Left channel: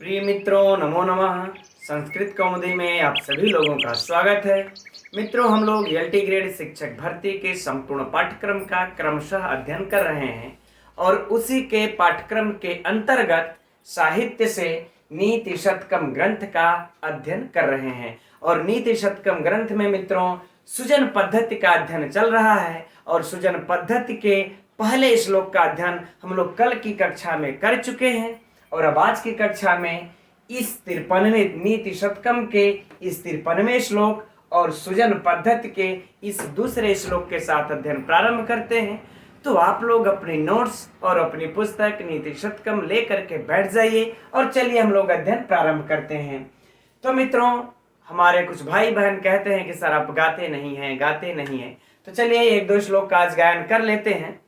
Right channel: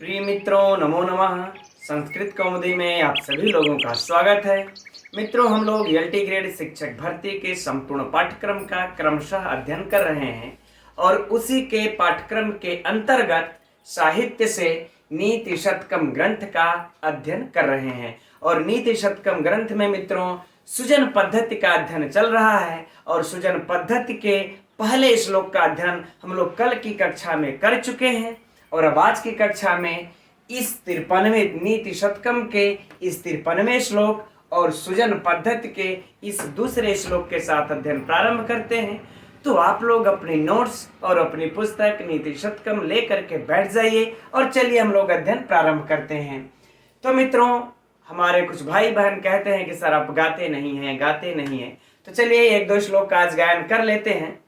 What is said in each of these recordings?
प्रिय मित्रों, नमो नमः। संस्कृत कौमुदी में आप सभी लोगों का स्वागत है। मित्रों, हम लोग एलटी ग्रेड शिक्षक भर्ती के संपूर्ण पाठ्यक्रम का क्रमशः अध्ययन कर रहे हैं और उसी के पाठ्यक्रम के अंतर्गत साहित्य से नीति शतकम ग्रंथ का अध्ययन कर रहे हैं। और नीति शतकम ग्रंथ में मित्रों सुजन पद्धति का अध्ययन चल रहा है और सुजन पद्धति के पहले श्लोक का अध्ययन हम लोग कल की कक्षा में कर चुके हैं और अब आज की कक्षा में इस 53वें नीति शतकम के इस 53वें श्लोक और सुजन पद्धति के इस दूसरे श्लोक के साथ अध्ययन प्रारंभ करते हैं। तो आप लोग अपने नोट्स और अपनी पुस्तक नीति शतकम लेकर के बैठ जाइए और चलिए हम लोग अध्ययन प्रारंभ करते हैं। तो मित्रों, हमारे कुछ भाई बहन कहते हैं कि सर आप गाते नहीं हैं, तो चलिए एक दो श्लोक का आज गायन कर लेते हैं।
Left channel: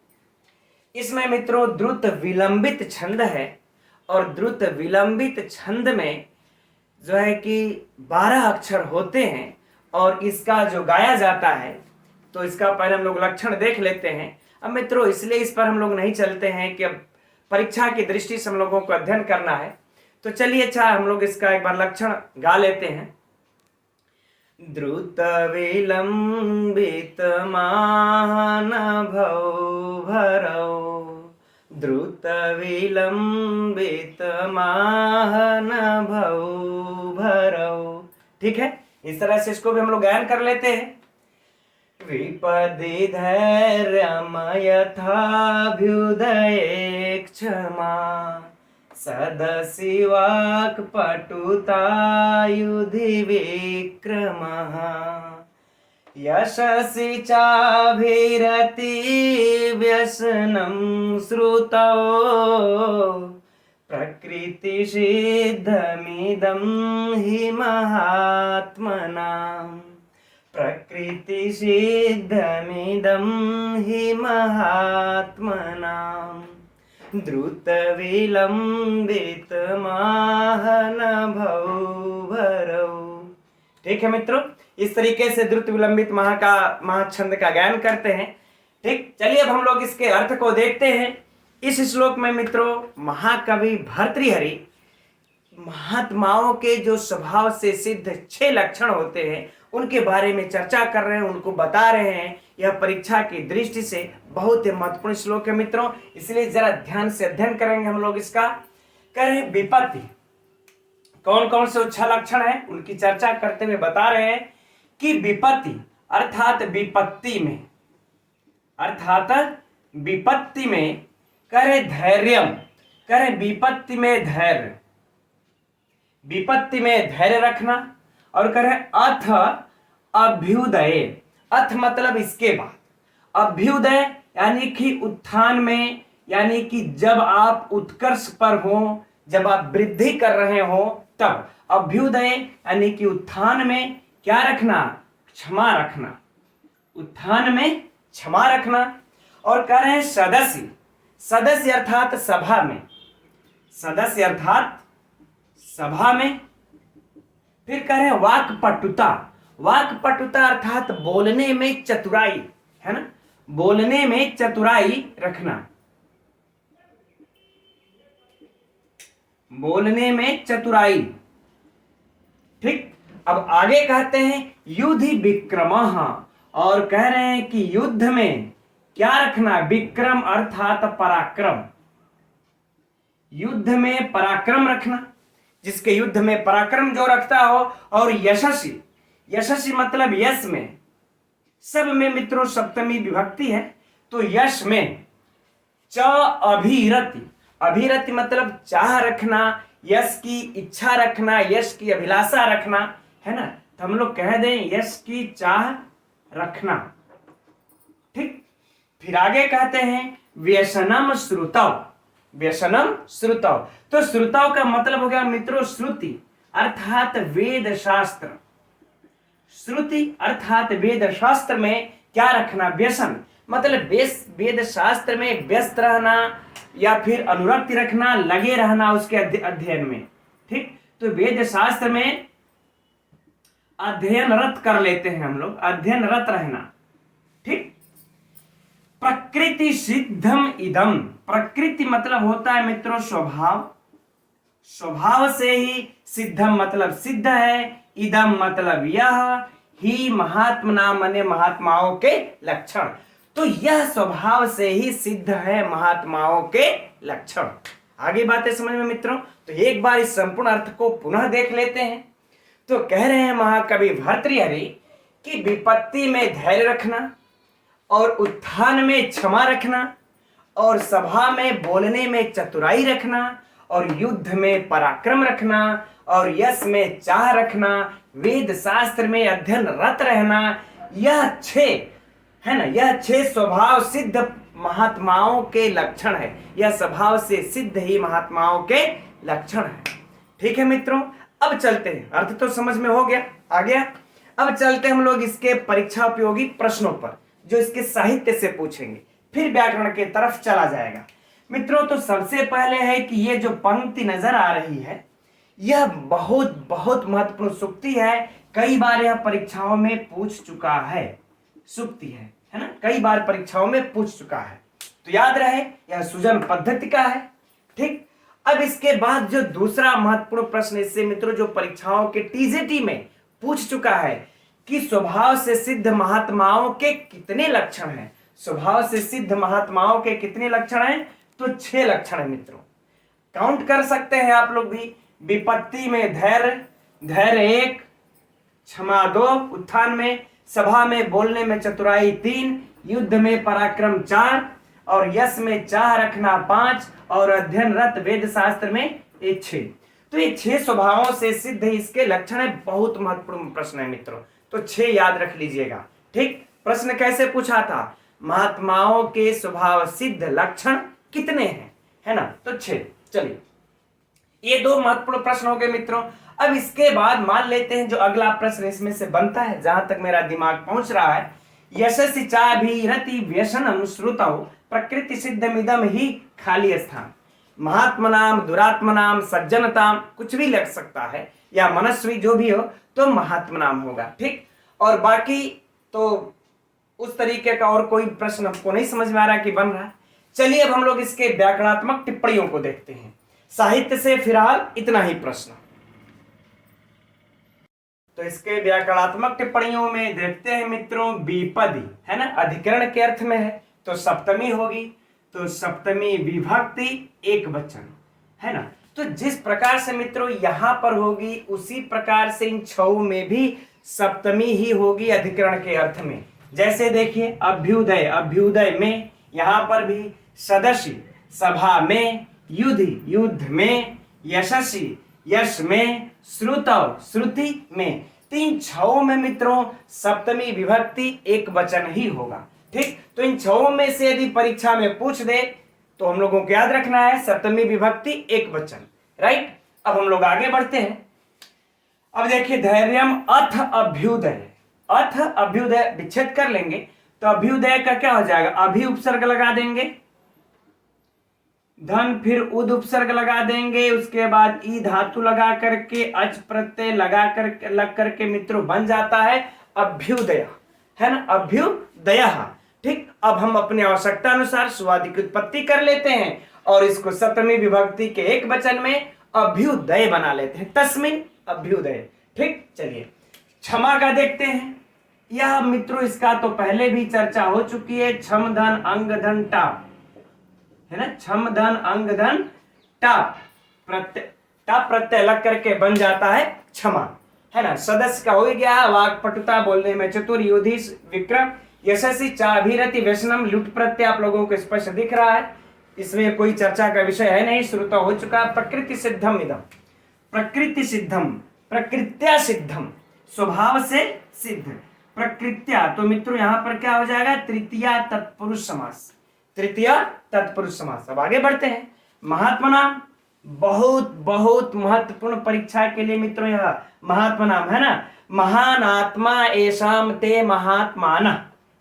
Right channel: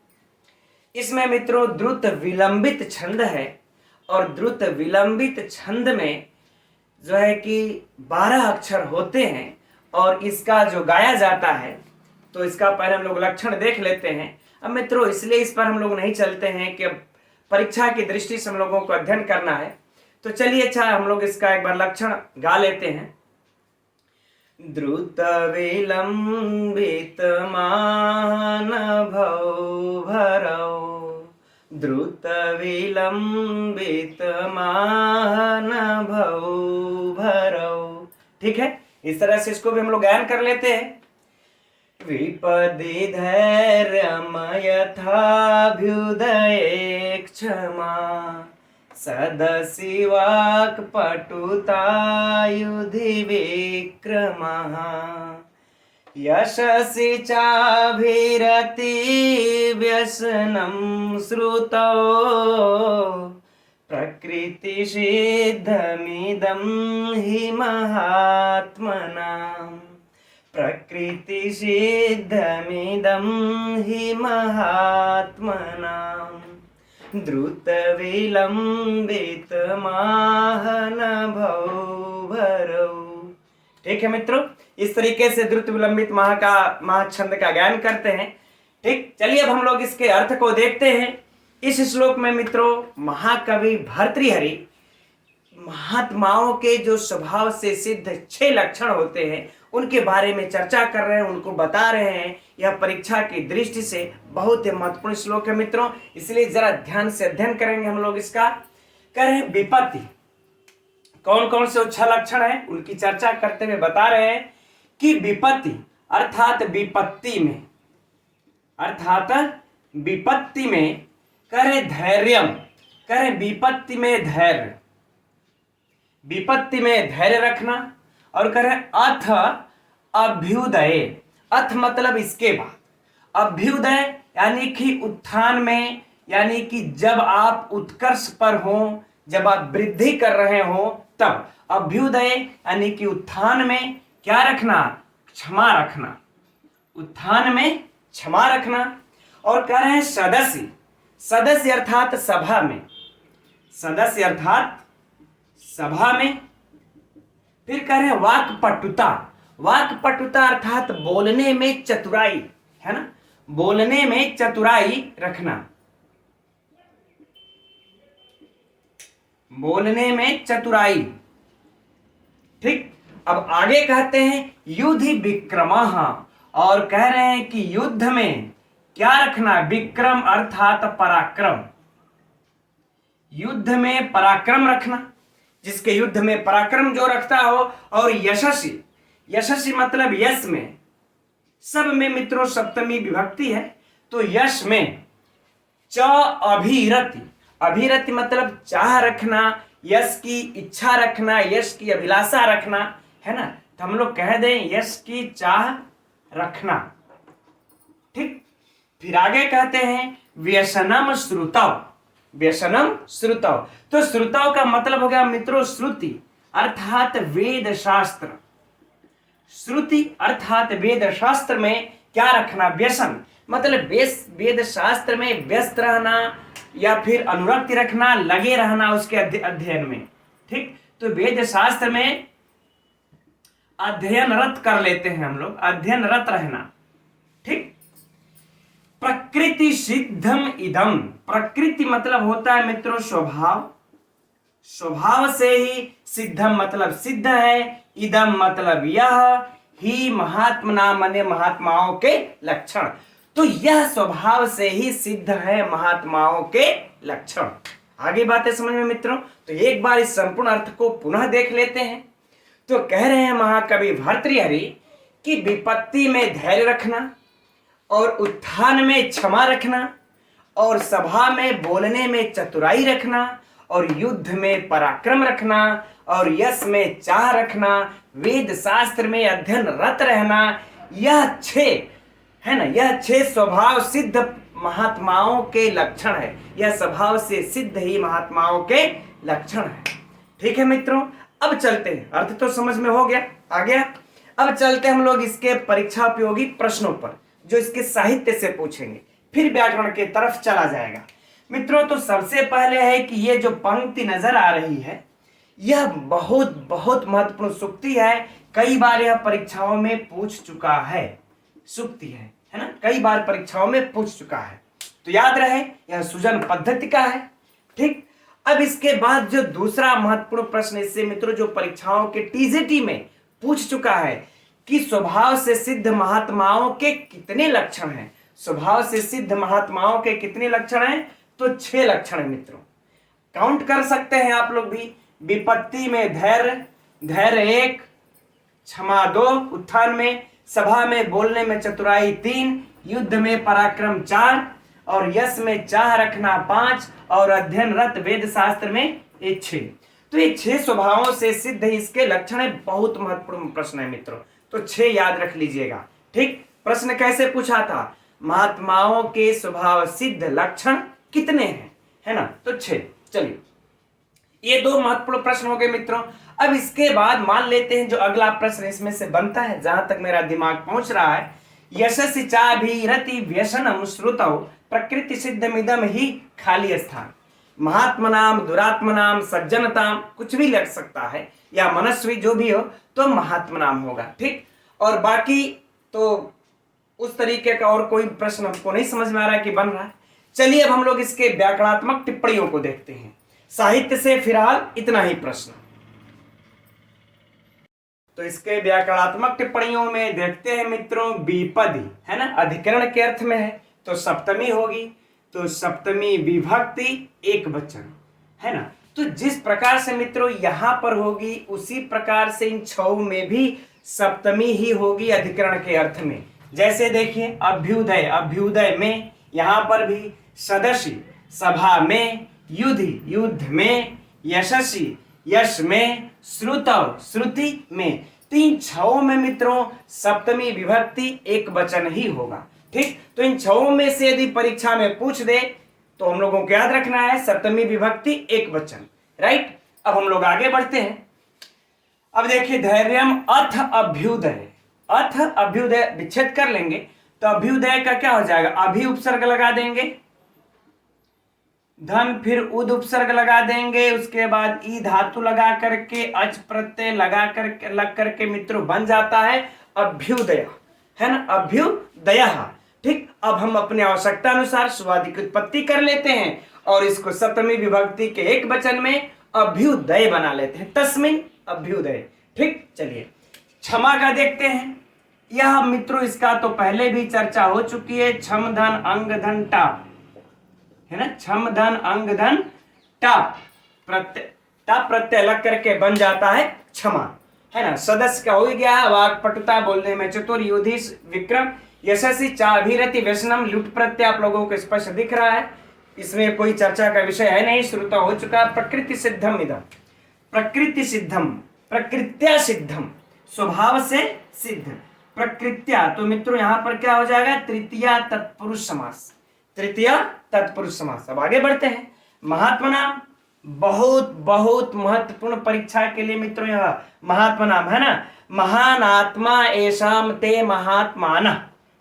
इसमें मित्रों द्रुत विलंबित छंद है और द्रुत विलंबित छंद में जो है कि 12 अक्षर होते हैं और इसका जो गाया जाता है तो इसका पहले हम लोग लक्षण देख लेते हैं। अब मित्रों इसलिए इस पर हम लोग नहीं चलते हैं कि अब परीक्षा की दृष्टि से हम लोगों को अध्ययन करना है, तो चलिए अच्छा हम लोग इसका एक बार लक्षण गा लेते हैं। द्रुत विलंबित मान भौ भरौ, द्रुत विलंबित मान भौ भरौ। ठीक है, इस तरह से इसको भी हम लोग गायन कर लेते हैं। विपदि धैर्यम यथाभ्युदये क्षमा, सदसि वाक् पटुता युधि विक्रमः, यशसि चाभिरति व्यसनं श्रुतौ, प्रकृति सिद्धमिदं हि महात्मनां, प्रकृति सिद्धमिदं हि महात्मनां, द्रुत विलंबित माहन भौ भरौ। ठीक है मित्रों, इस तरीके से द्रुत विलंबित महाछंद का गायन करते हैं। ठीक, चलिए अब हम लोग इसके अर्थ को देखते हैं। इस श्लोक में मित्रों महाकवि भर्तृहरि महात्माओं के जो स्वभाव से सिद्ध 6 लक्षण होते हैं उनके बारे में चर्चा कर रहे हैं, उनको बता रहे हैं। यह परीक्षा की दृष्टि से बहुत ही महत्वपूर्ण श्लोक है मित्रों, इसलिए जरा ध्यान से अध्ययन करेंगे हम लोग इसका। करें विपत्ति, कौन कौन से 6 लक्षण हैं उनकी चर्चा करते हुए बता रहे हैं कि विपत्ति अर्थात विपत्ति में करे धैर्यम, करे विपत्ति में धैर्य रखना, और करे अथ अभ्युदय, अथ मतलब इसके बाद, अभ्युदय यानी कि उत्थान में, यानी कि जब आप उत्कर्ष पर हो, जब आप वृद्धि कर रहे हो तब। अभ्युदय यानी कि उत्थान में क्या रखना, क्षमा रखना, उत्थान में क्षमा रखना। और कह रहे हैं सदस्य, सदस्य अर्थात सभा में, सदस्य अर्थात सभा में। फिर कह रहे हैं वाक्पटुता, वाक्पटुता अर्थात बोलने में चतुराई, है ना, बोलने में चतुराई रखना, बोलने में चतुराई। ठीक, अब आगे कहते हैं युधि विक्रमः, और कह रहे हैं कि युद्ध में क्या रखना, विक्रम अर्थात पराक्रम, युद्ध में पराक्रम रखना, जिसके युद्ध में पराक्रम जो रखता हो। और यशस्वी, यशस्वी मतलब यश में, सब में मित्रों सप्तमी विभक्ति है, तो यश में च अभिरति, अभिरति मतलब चाह रखना, यश की इच्छा रखना, यश की अभिलाषा रखना, है ना, तो हम लोग कह दें यश की चाह रखना। ठीक, फिर आगे कहते हैं व्यसनम श्रुतौ, व्यसनम श्रुतौ, तो श्रुतौ का मतलब हो गया मित्रों श्रुति अर्थात वेद शास्त्र, श्रुति अर्थात वेद शास्त्र में क्या रखना, व्यसन मतलब वेद शास्त्र में व्यस्त रहना या फिर अनुरक्ति रखना, लगे रहना उसके अध्ययन में। ठीक, तो वेद शास्त्र में अध्ययनरत कर लेते हैं हम लोग, अध्ययनरत रहना। ठीक, प्रकृति सिद्धम इदम, प्रकृति मतलब होता है मित्रों स्वभाव, स्वभाव से ही सिद्धम मतलब सिद्ध है, इदम मतलब यह, ही महात्मना माने महात्माओं के लक्षण। तो यह स्वभाव से ही सिद्ध है महात्माओं के लक्षण। आगे बातें समझ में मित्रों? तो एक बार इस संपूर्ण अर्थ को पुनः देख लेते हैं। तो कह रहे हैं महाकवि भर्तृहरि कि विपत्ति में धैर्य रखना और उत्थान में क्षमा रखना और सभा में बोलने में चतुराई रखना और युद्ध में पराक्रम रखना और यश में चाह रखना, वेद शास्त्र में अध्ययन रत रहना, यह छह है ना, यह छह स्वभाव सिद्ध महात्माओं के लक्षण है। यह स्वभाव से सिद्ध ही महात्माओं के लक्षण है। ठीक है मित्रों, अब चलते हैं, अर्थ तो समझ में हो गया, आ गया। अब चलते हम लोग इसके परीक्षा उपयोगी प्रश्नों पर, जो इसके साहित्य से पूछेंगे, फिर व्याकरण के तरफ चला जाएगा। मित्रों, तो सबसे पहले है कि ये जो पंक्ति नजर आ रही है, यह बहुत बहुत महत्वपूर्ण सूक्ति है। कई बार यह परीक्षाओं में पूछ चुका है, सूक्ति है ना, कई बार परीक्षाओं में पूछ चुका है, तो याद रहे यह सुजन पद्धति का है। ठीक, अब इसके बाद जो दूसरा महत्वपूर्ण प्रश्न इससे मित्रों जो परीक्षाओं के टीजीटी में पूछ चुका है कि स्वभाव से सिद्ध महात्माओं के कितने लक्षण हैं। स्वभाव से सिद्ध महात्माओं के कितने लक्षण हैं? तो 6 लक्षण है मित्रों, काउंट कर सकते हैं आप लोग भी। विपत्ति में धैर्य, धैर्य 1, क्षमा 2, उत्थान में, सभा में बोलने में चतुराई 3, युद्ध में पराक्रम 4 और यश में चाह रखना 5 और अध्ययन रत वेद शास्त्र में 6। तो ये 6 स्वभावों से सिद्ध इसके लक्षण है। बहुत महत्वपूर्ण प्रश्न है मित्रों, तो 6 याद रख लीजिएगा। ठीक, प्रश्न कैसे पूछा था? महात्माओं के स्वभाव सिद्ध लक्षण कितने हैं, है ना, तो 6। चलिए, ये 2 महत्वपूर्ण प्रश्न हो गए मित्रों। अब इसके बाद मान लेते हैं जो अगला प्रश्न इसमें से बनता है, जहां तक मेरा दिमाग पहुंच रहा है, यशस्वी चाभिरति व्यसनम श्रुतौ प्रकृति सिद्धमिदम ही खाली स्थान। महात्मनाम, दुरात्मनाम, सज्जनताम, कुछ भी लग सकता है, या मनस्वी जो भी हो तो महात्मनाम होगा। ठीक, और बाकी तो उस तरीके का और कोई प्रश्न हमको नहीं समझ में आ रहा कि बन रहा है। चलिए अब हम लोग इसके व्याकरणात्मक टिप्पणियों को देखते हैं। साहित्य से फिलहाल इतना ही प्रश्न। तो इसके व्याकरणात्मक टिप्पणियों में देखते हैं मित्रों, विपदी है ना, अधिकरण के अर्थ में है तो सप्तमी होगी, तो सप्तमी विभक्ति एक वचन है ना। तो जिस प्रकार से मित्रों यहां पर होगी उसी प्रकार से इन 6 में भी सप्तमी ही होगी अधिकरण के अर्थ में। जैसे देखिए, अभ्युदय, अभ्युदय में, यहां पर भी सदस्य, सभा में, युधि, युद्ध में, यशस्वी, यश में, श्रुतौ, श्रुति में। 6 में मित्रों सप्तमी विभक्ति एक वचन ही होगा। ठीक, तो इन 6 में से यदि परीक्षा में पूछ दे तो हम लोगों को याद रखना है सप्तमी विभक्ति एक वचन। राइट, अब हम लोग आगे बढ़ते हैं। अब देखिए, धैर्यम अथ अभ्युदय, अथ अभ्युदय विच्छेद कर लेंगे तो अभ्युदय का क्या हो जाएगा? अभि उपसर्ग लगा देंगे, धन, फिर उद उपसर्ग लगा देंगे, उसके बाद ई धातु लगा करके अच प्रत्यय लगा करके लग करके मित्रों बन जाता है अभ्युदय, है ना, अभ्युदय। ठीक, अब हम अपनी आवश्यकता अनुसार सुवादि की उत्पत्ति कर लेते हैं और इसको सप्तमी विभक्ति के एक वचन में अभ्युदय बना लेते हैं, तस्मिन अभ्युदय। ठीक, चलिए क्षमा का देखते हैं। यह मित्रों इसका तो पहले भी चर्चा हो चुकी है, क्षम धन अंग धन टाप, है ना, क्षम धन अंग धन टाप, प्रत्यय, टाप प्रत्यय लग करके बन जाता है क्षमा, है ना। सदस्य का हो गया, वाक्पटुता, बोलने में चतुर, युधि, विक्रम, यशस्वी, चाभिरति, व्यसनम, लुट प्रत्यय आप लोगों को स्पष्ट दिख रहा है, इसमें कोई चर्चा का विषय है नहीं, श्रुत हो चुका है। प्रकृति सिद्धम इदम, प्रकृति सिद्धम, प्रकृत्या सिद्धम, स्वभाव से सिद्ध, प्रकृत्या, तो मित्रों यहां पर क्या हो जाएगा? तृतीया तत्पुरुष समास, तृतीया तत्पुरुष समास। अब आगे बढ़ते हैं। महात्मा नाम, बहुत बहुत महत्वपूर्ण परीक्षा के लिए मित्रों यह महात्मा नाम है ना, महान आत्मा ऐसाम ते महात्मान।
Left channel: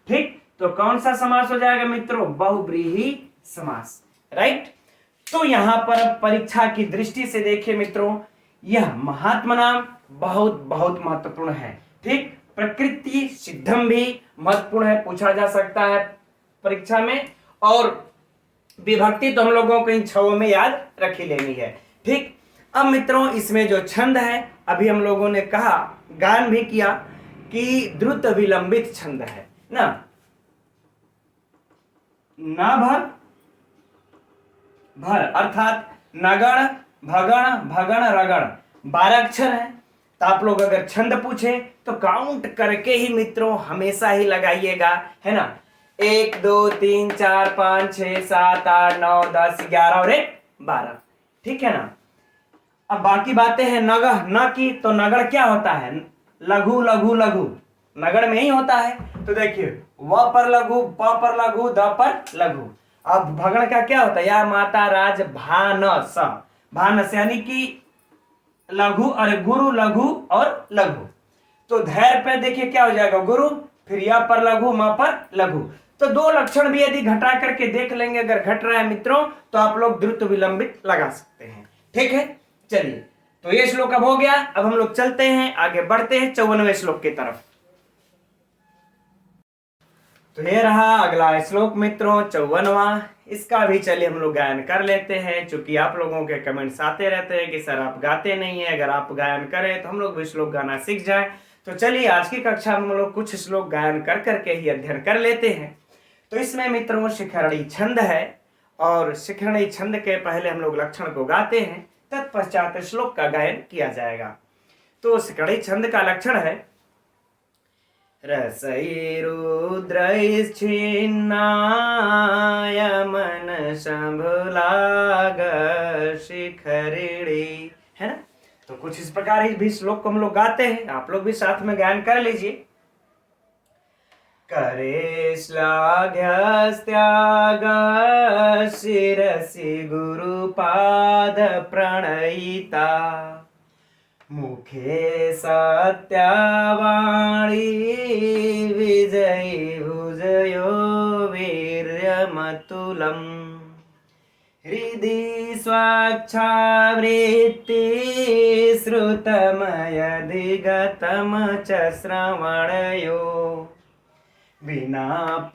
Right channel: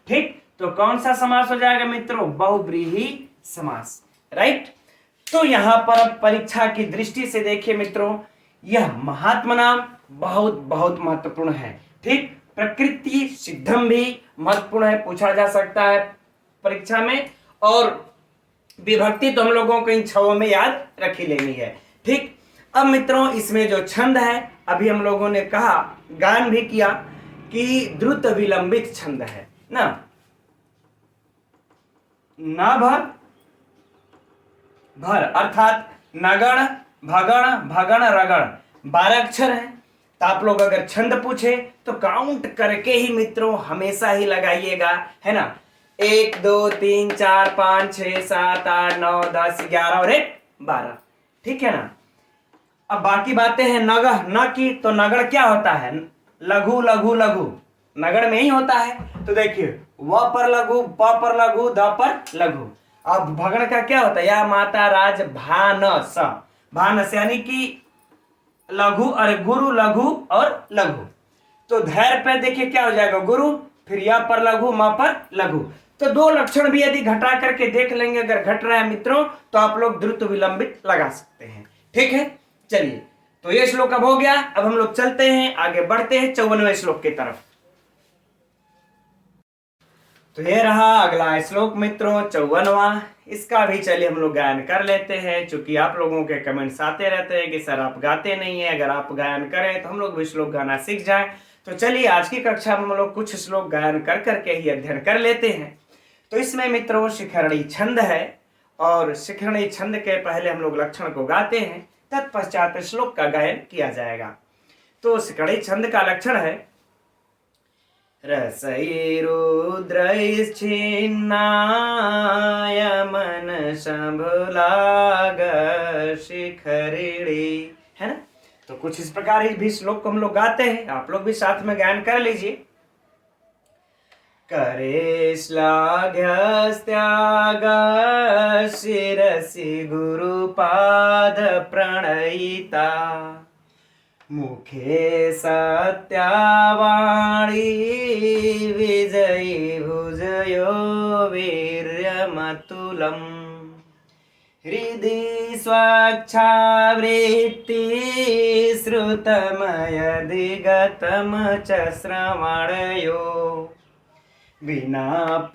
ठीक, तो कौन सा समास हो जाएगा मित्रों? बहुव्रीहि समास। राइट, तो यहां पर अब परीक्षा की दृष्टि से देखिए मित्रों, यह महात्मा नाम बहुत बहुत महत्वपूर्ण है। ठीक, प्रकृति सिद्धम भी महत्वपूर्ण है, पूछा जा सकता है परीक्षा में, और विभक्ति तो हम लोगों को इन 6 में याद रखी लेनी है। ठीक, अब मित्रों इसमें जो छंद है, अभी हम लोगों ने कहा, गान भी किया कि द्रुत विलंबित छंद है ना। नभ भर अर्थात नगण भगण भगण रगण 12 अक्षर है। तो आप लोग अगर छंद पूछे तो काउंट करके ही मित्रों हमेशा ही लगाइएगा, है ना। 1 2 3 4 5 6 7 8 9 10 11 और 1 12, ठीक है ना। अब बाकी बातें हैं नगह न की, तो नगड़ क्या होता है? लघु लघु लघु नगड़ में ही होता है। तो देखिए व पर लघु, प पर लघु, द पर लघु। अब भगण का क्या होता है? या माता राज भानस, भानस यानी कि लघु, अरे गुरु लघु और लघु। तो धैर्य पे देखिए क्या हो जाएगा? गुरु, फिर या पर लघु, म पर लघु। तो 2 लक्षण भी यदि घटा करके देख लेंगे, अगर घट रहा है मित्रों, तो आप लोग द्रुत विलंबित लगा सकते हैं, ठीक है। चलिए, तो ये श्लोक अब हो गया। अब हम लोग चलते हैं, आगे बढ़ते हैं 54वें श्लोक की तरफ। तो ये रहा अगला श्लोक मित्रों 54वां। इसका भी चलिए हम लोग गायन कर लेते हैं, क्योंकि आप लोगों के कमेंट्स आते रहते हैं कि सर आप गाते नहीं है, अगर आप गायन करें तो हम लोग भी श्लोक गाना सीख जाएं। तो चलिए आज की कक्षा में हम लोग कुछ श्लोक गायन कर करके ही अध्ययन कर लेते हैं। तो इसमें मित्रों शिखरणी छंद है, और शिखरणी छंद के पहले हम लोग लक्षण को गाते हैं, तत्पश्चात श्लोक का गायन किया जाएगा। तो शिखरणी छंद का लक्षण है रसैरुद्रैश्चिन्नाय मनसंभुलाग शिखरिणी, है ना। तो कुछ इस प्रकार इस भी श्लोक को हम लोग गाते हैं, आप लोग भी साथ में गायन कर लीजिए। करे श्लाघ्यस्त्याग शिरसि गुरुपाद प्रणयिता, मुखे सत्यावाणी विजयी भुजयो वीर्यमतुलम्, हृदि स्वच्छावृत्ति श्रुतमयदिगतं च श्रवणयो, विनाप्यैश्वर्येण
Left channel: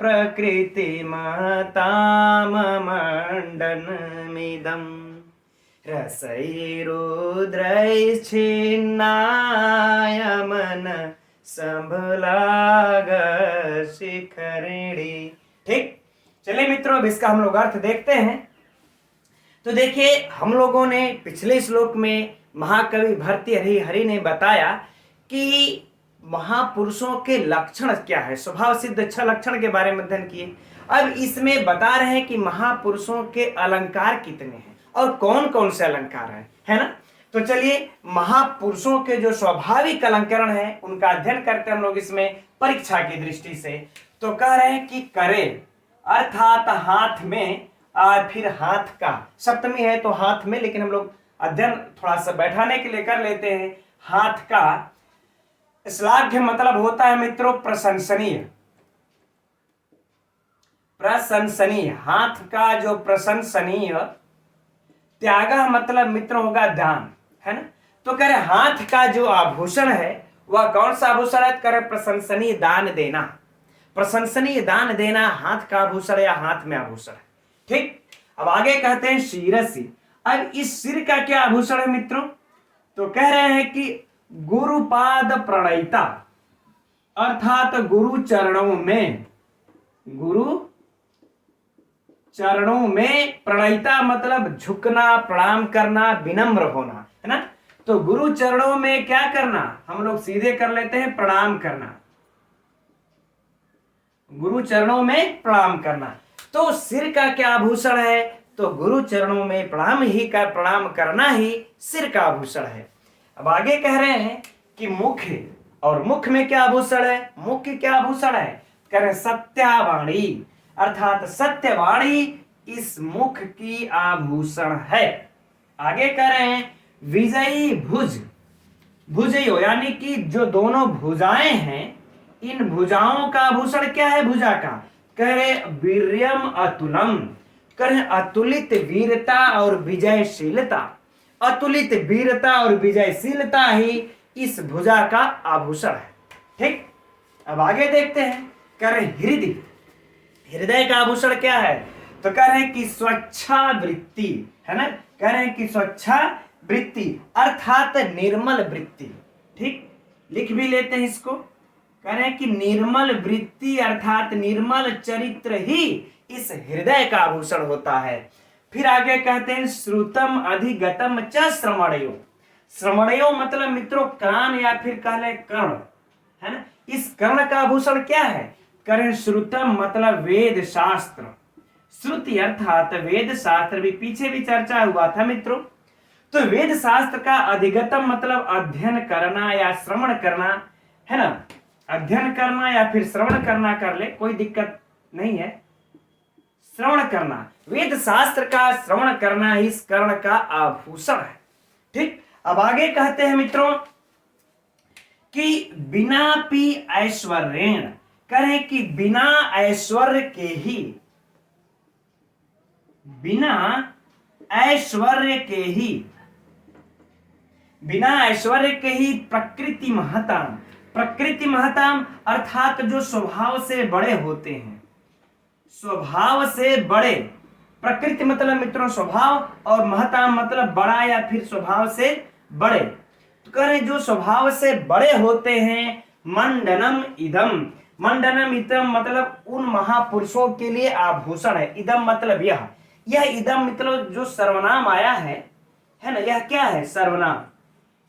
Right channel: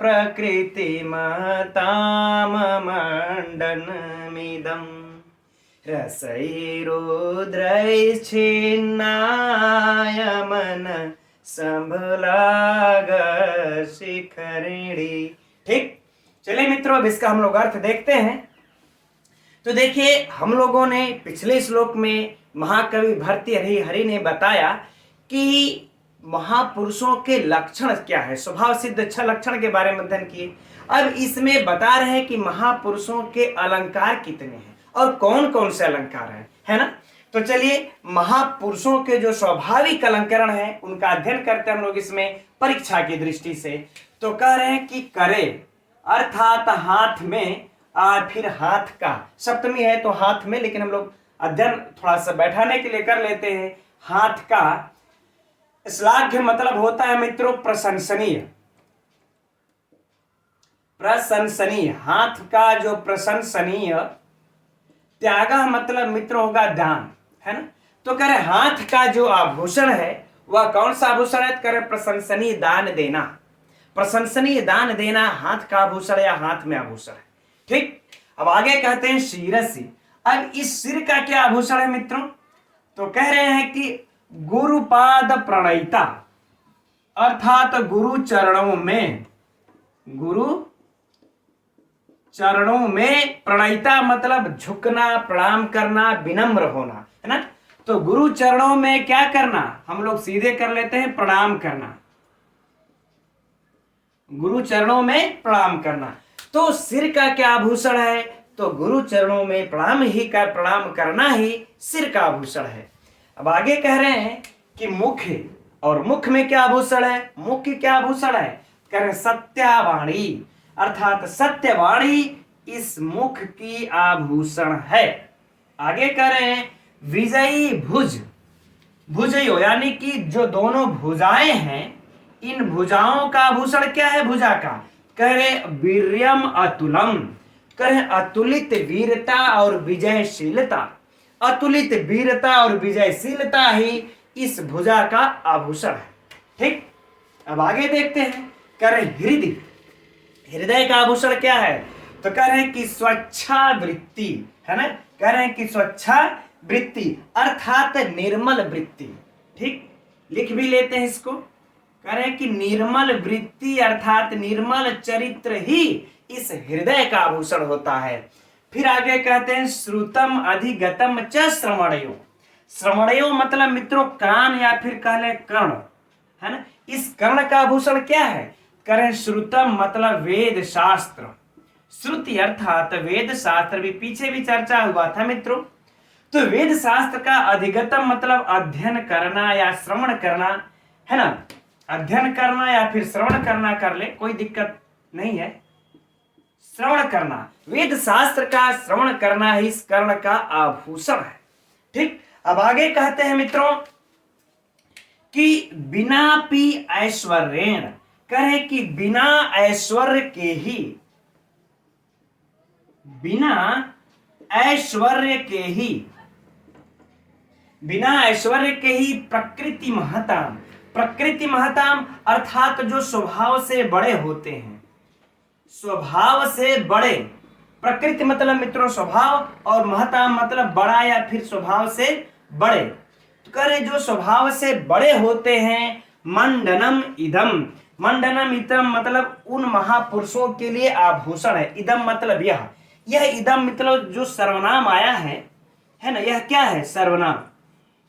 प्रकृतिमताममण्डनमिदम्, रसैरुद्रैश्चिन्नाय मनसंभुलाग शिखरिणी। ठीक, चलिए मित्रों अब इसका हम लोग अर्थ देखते हैं। तो देखिए हम लोगों ने पिछले श्लोक में महाकवि भर्तृहरि ने बताया कि महापुरुषों के लक्षण क्या है, स्वभाव सिद्ध 6 लक्षण के बारे में अध्ययन किए। अब इसमें बता रहे हैं कि महापुरुषों के अलंकार कितने हैं और कौन कौन से अलंकार हैं, है ना। तो चलिए महापुरुषों के जो स्वाभाविक अलंकरण है उनका अध्ययन करते हैं हम लोग इसमें परीक्षा की दृष्टि से। तो कह रहे हैं कि करे अर्थात हाथ में, और फिर हाथ का सप्तमी है तो हाथ में, लेकिन हम लोग अध्ययन थोड़ा सा बैठाने के लिए कर लेते हैं। हाथ का श्लाघ्य मतलब होता है मित्रों प्रशंसनीय, प्रशंसनीय, हाथ का जो प्रशंसनीय। त्याग मतलब मित्रों होगा दान, है ना। तो कह रहे हाथ का जो आभूषण है वह कौन सा आभूषण है? कह रहे प्रशंसनीय दान देना, प्रशंसनीय दान देना हाथ का आभूषण या हाथ में आभूषण है। ठीक, अब आगे कहते हैं शिरसि। अब इस सिर का क्या आभूषण है मित्रों? तो कह रहे हैं कि गुरुपाद प्रणयिता, अर्थात गुरु चरणों में, गुरु चरणों में प्रणयिता मतलब झुकना, प्रणाम करना, विनम्र होना, है ना। तो गुरु चरणों में क्या करना, हम लोग सीधे कर लेते हैं प्रणाम करना, गुरु चरणों में प्रणाम करना। तो सिर का क्या आभूषण है? तो गुरु चरणों में प्रणाम करना ही सिर का आभूषण है। अब आगे कह रहे हैं कि मुख्य, और मुख में क्या आभूषण है? मुख्य क्या आभूषण है? कह रहे सत्यावाणी, अर्थात सत्यवाणी इस मुख की आभूषण है। आगे कह रहे हैं विजयी भुज, भुजयो यानी कि जो दोनों भुजाएं हैं, इन भुजाओं का आभूषण क्या है? भुजा का कह रहे वीर्यम अतुलम, कह रहे अतुलित वीरता और विजयशीलता, अतुलित वीरता और विजयशीलता ही इस भुजा का आभूषण है। ठीक, अब आगे देखते हैं। कह रहे हृदय, हृदय का आभूषण क्या है? तो कह रहे हैं कि स्वच्छावृत्ति, है ना, कह रहे हैं कि स्वच्छावृत्ति अर्थात निर्मल वृत्ति। ठीक, लिख भी लेते हैं इसको। कह रहे हैं कि निर्मल वृत्ति अर्थात निर्मल चरित्र ही इस हृदय का आभूषण होता है। फिर आगे कहते हैं श्रुतम अधिगतम च श्रवणयो। श्रवणयो मतलब मित्रों कान या फिर कह ले कर्ण, है ना। इस कर्ण का आभूषण क्या है? करें श्रुतम मतलब वेद शास्त्र। श्रुति अर्थात वेद शास्त्र, भी पीछे भी चर्चा हुआ था मित्रों। तो वेद शास्त्र का अधिगतम मतलब अध्ययन करना या श्रवण करना, है ना। अध्ययन करना या फिर श्रवण करना कर ले, कोई दिक्कत नहीं है। श्रवण करना, वेद शास्त्र का श्रवण करना ही इस कर्ण का आभूषण है। ठीक, अब आगे कहते हैं मित्रों कि बिना पी ऐश्वर्येण, कहे कि बिना ऐश्वर्य के ही, बिना ऐश्वर्य के ही, बिना ऐश्वर्य के ही प्रकृति महताम, प्रकृति महताम अर्थात जो स्वभाव से बड़े होते हैं, स्वभाव से बड़े, प्रकृति मतलब मित्रों स्वभाव और महताम मतलब बड़ा या फिर स्वभाव से बड़े। तो कह रहे जो स्वभाव से बड़े होते हैं, मंडनम इदम, मंडनम इदम मतलब उन महापुरुषों के लिए आभूषण है। इदम मतलब यह इदम मतलब जो सर्वनाम आया है ना, यह क्या है? सर्वनाम।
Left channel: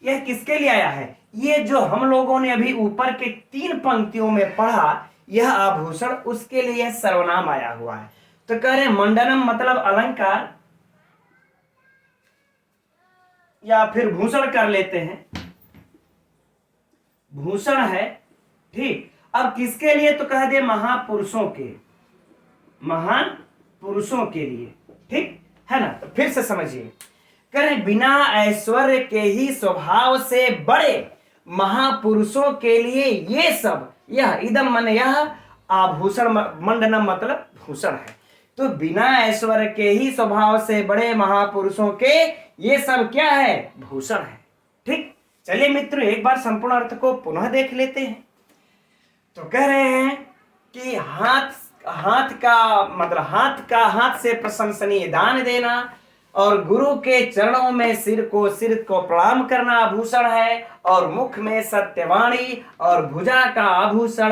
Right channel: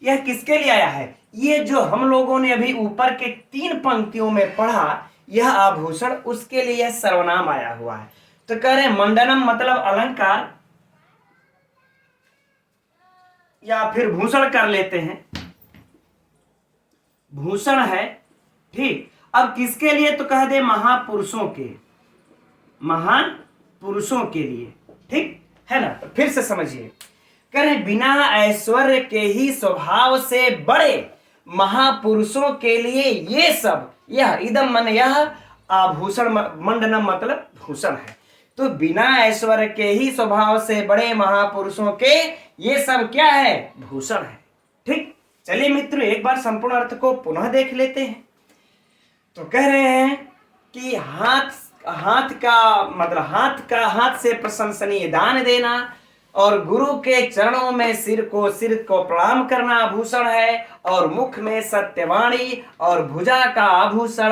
यह किसके लिए आया है? ये जो हम लोगों ने अभी ऊपर के 3 पंक्तियों में पढ़ा, यह आभूषण, उसके लिए यह सर्वनाम आया हुआ है। तो कह रहे मंडनम मतलब अलंकार या फिर भूषण कर लेते हैं, भूषण है। ठीक, अब किसके लिए? तो कह दे महापुरुषों के, महान पुरुषों के लिए। ठीक है ना। तो फिर से समझिए, करें बिना ऐश्वर्य के ही स्वभाव से बड़े महापुरुषों के लिए ये सब, यह इदम मन यह आभूषण, मंडनम मतलब भूषण है। तो बिना ऐश्वर्य के ही स्वभाव से बड़े महापुरुषों के ये सब क्या है? भूषण है। ठीक, चलिए मित्रों एक बार संपूर्ण अर्थ को पुनः देख लेते हैं। तो कह रहे हैं कि हाथ का मतलब हाथ से प्रशंसनीय दान देना और गुरु के चरणों में सिर को प्रणाम करना आभूषण है, और मुख में सत्यवाणी और भुजा का आभूषण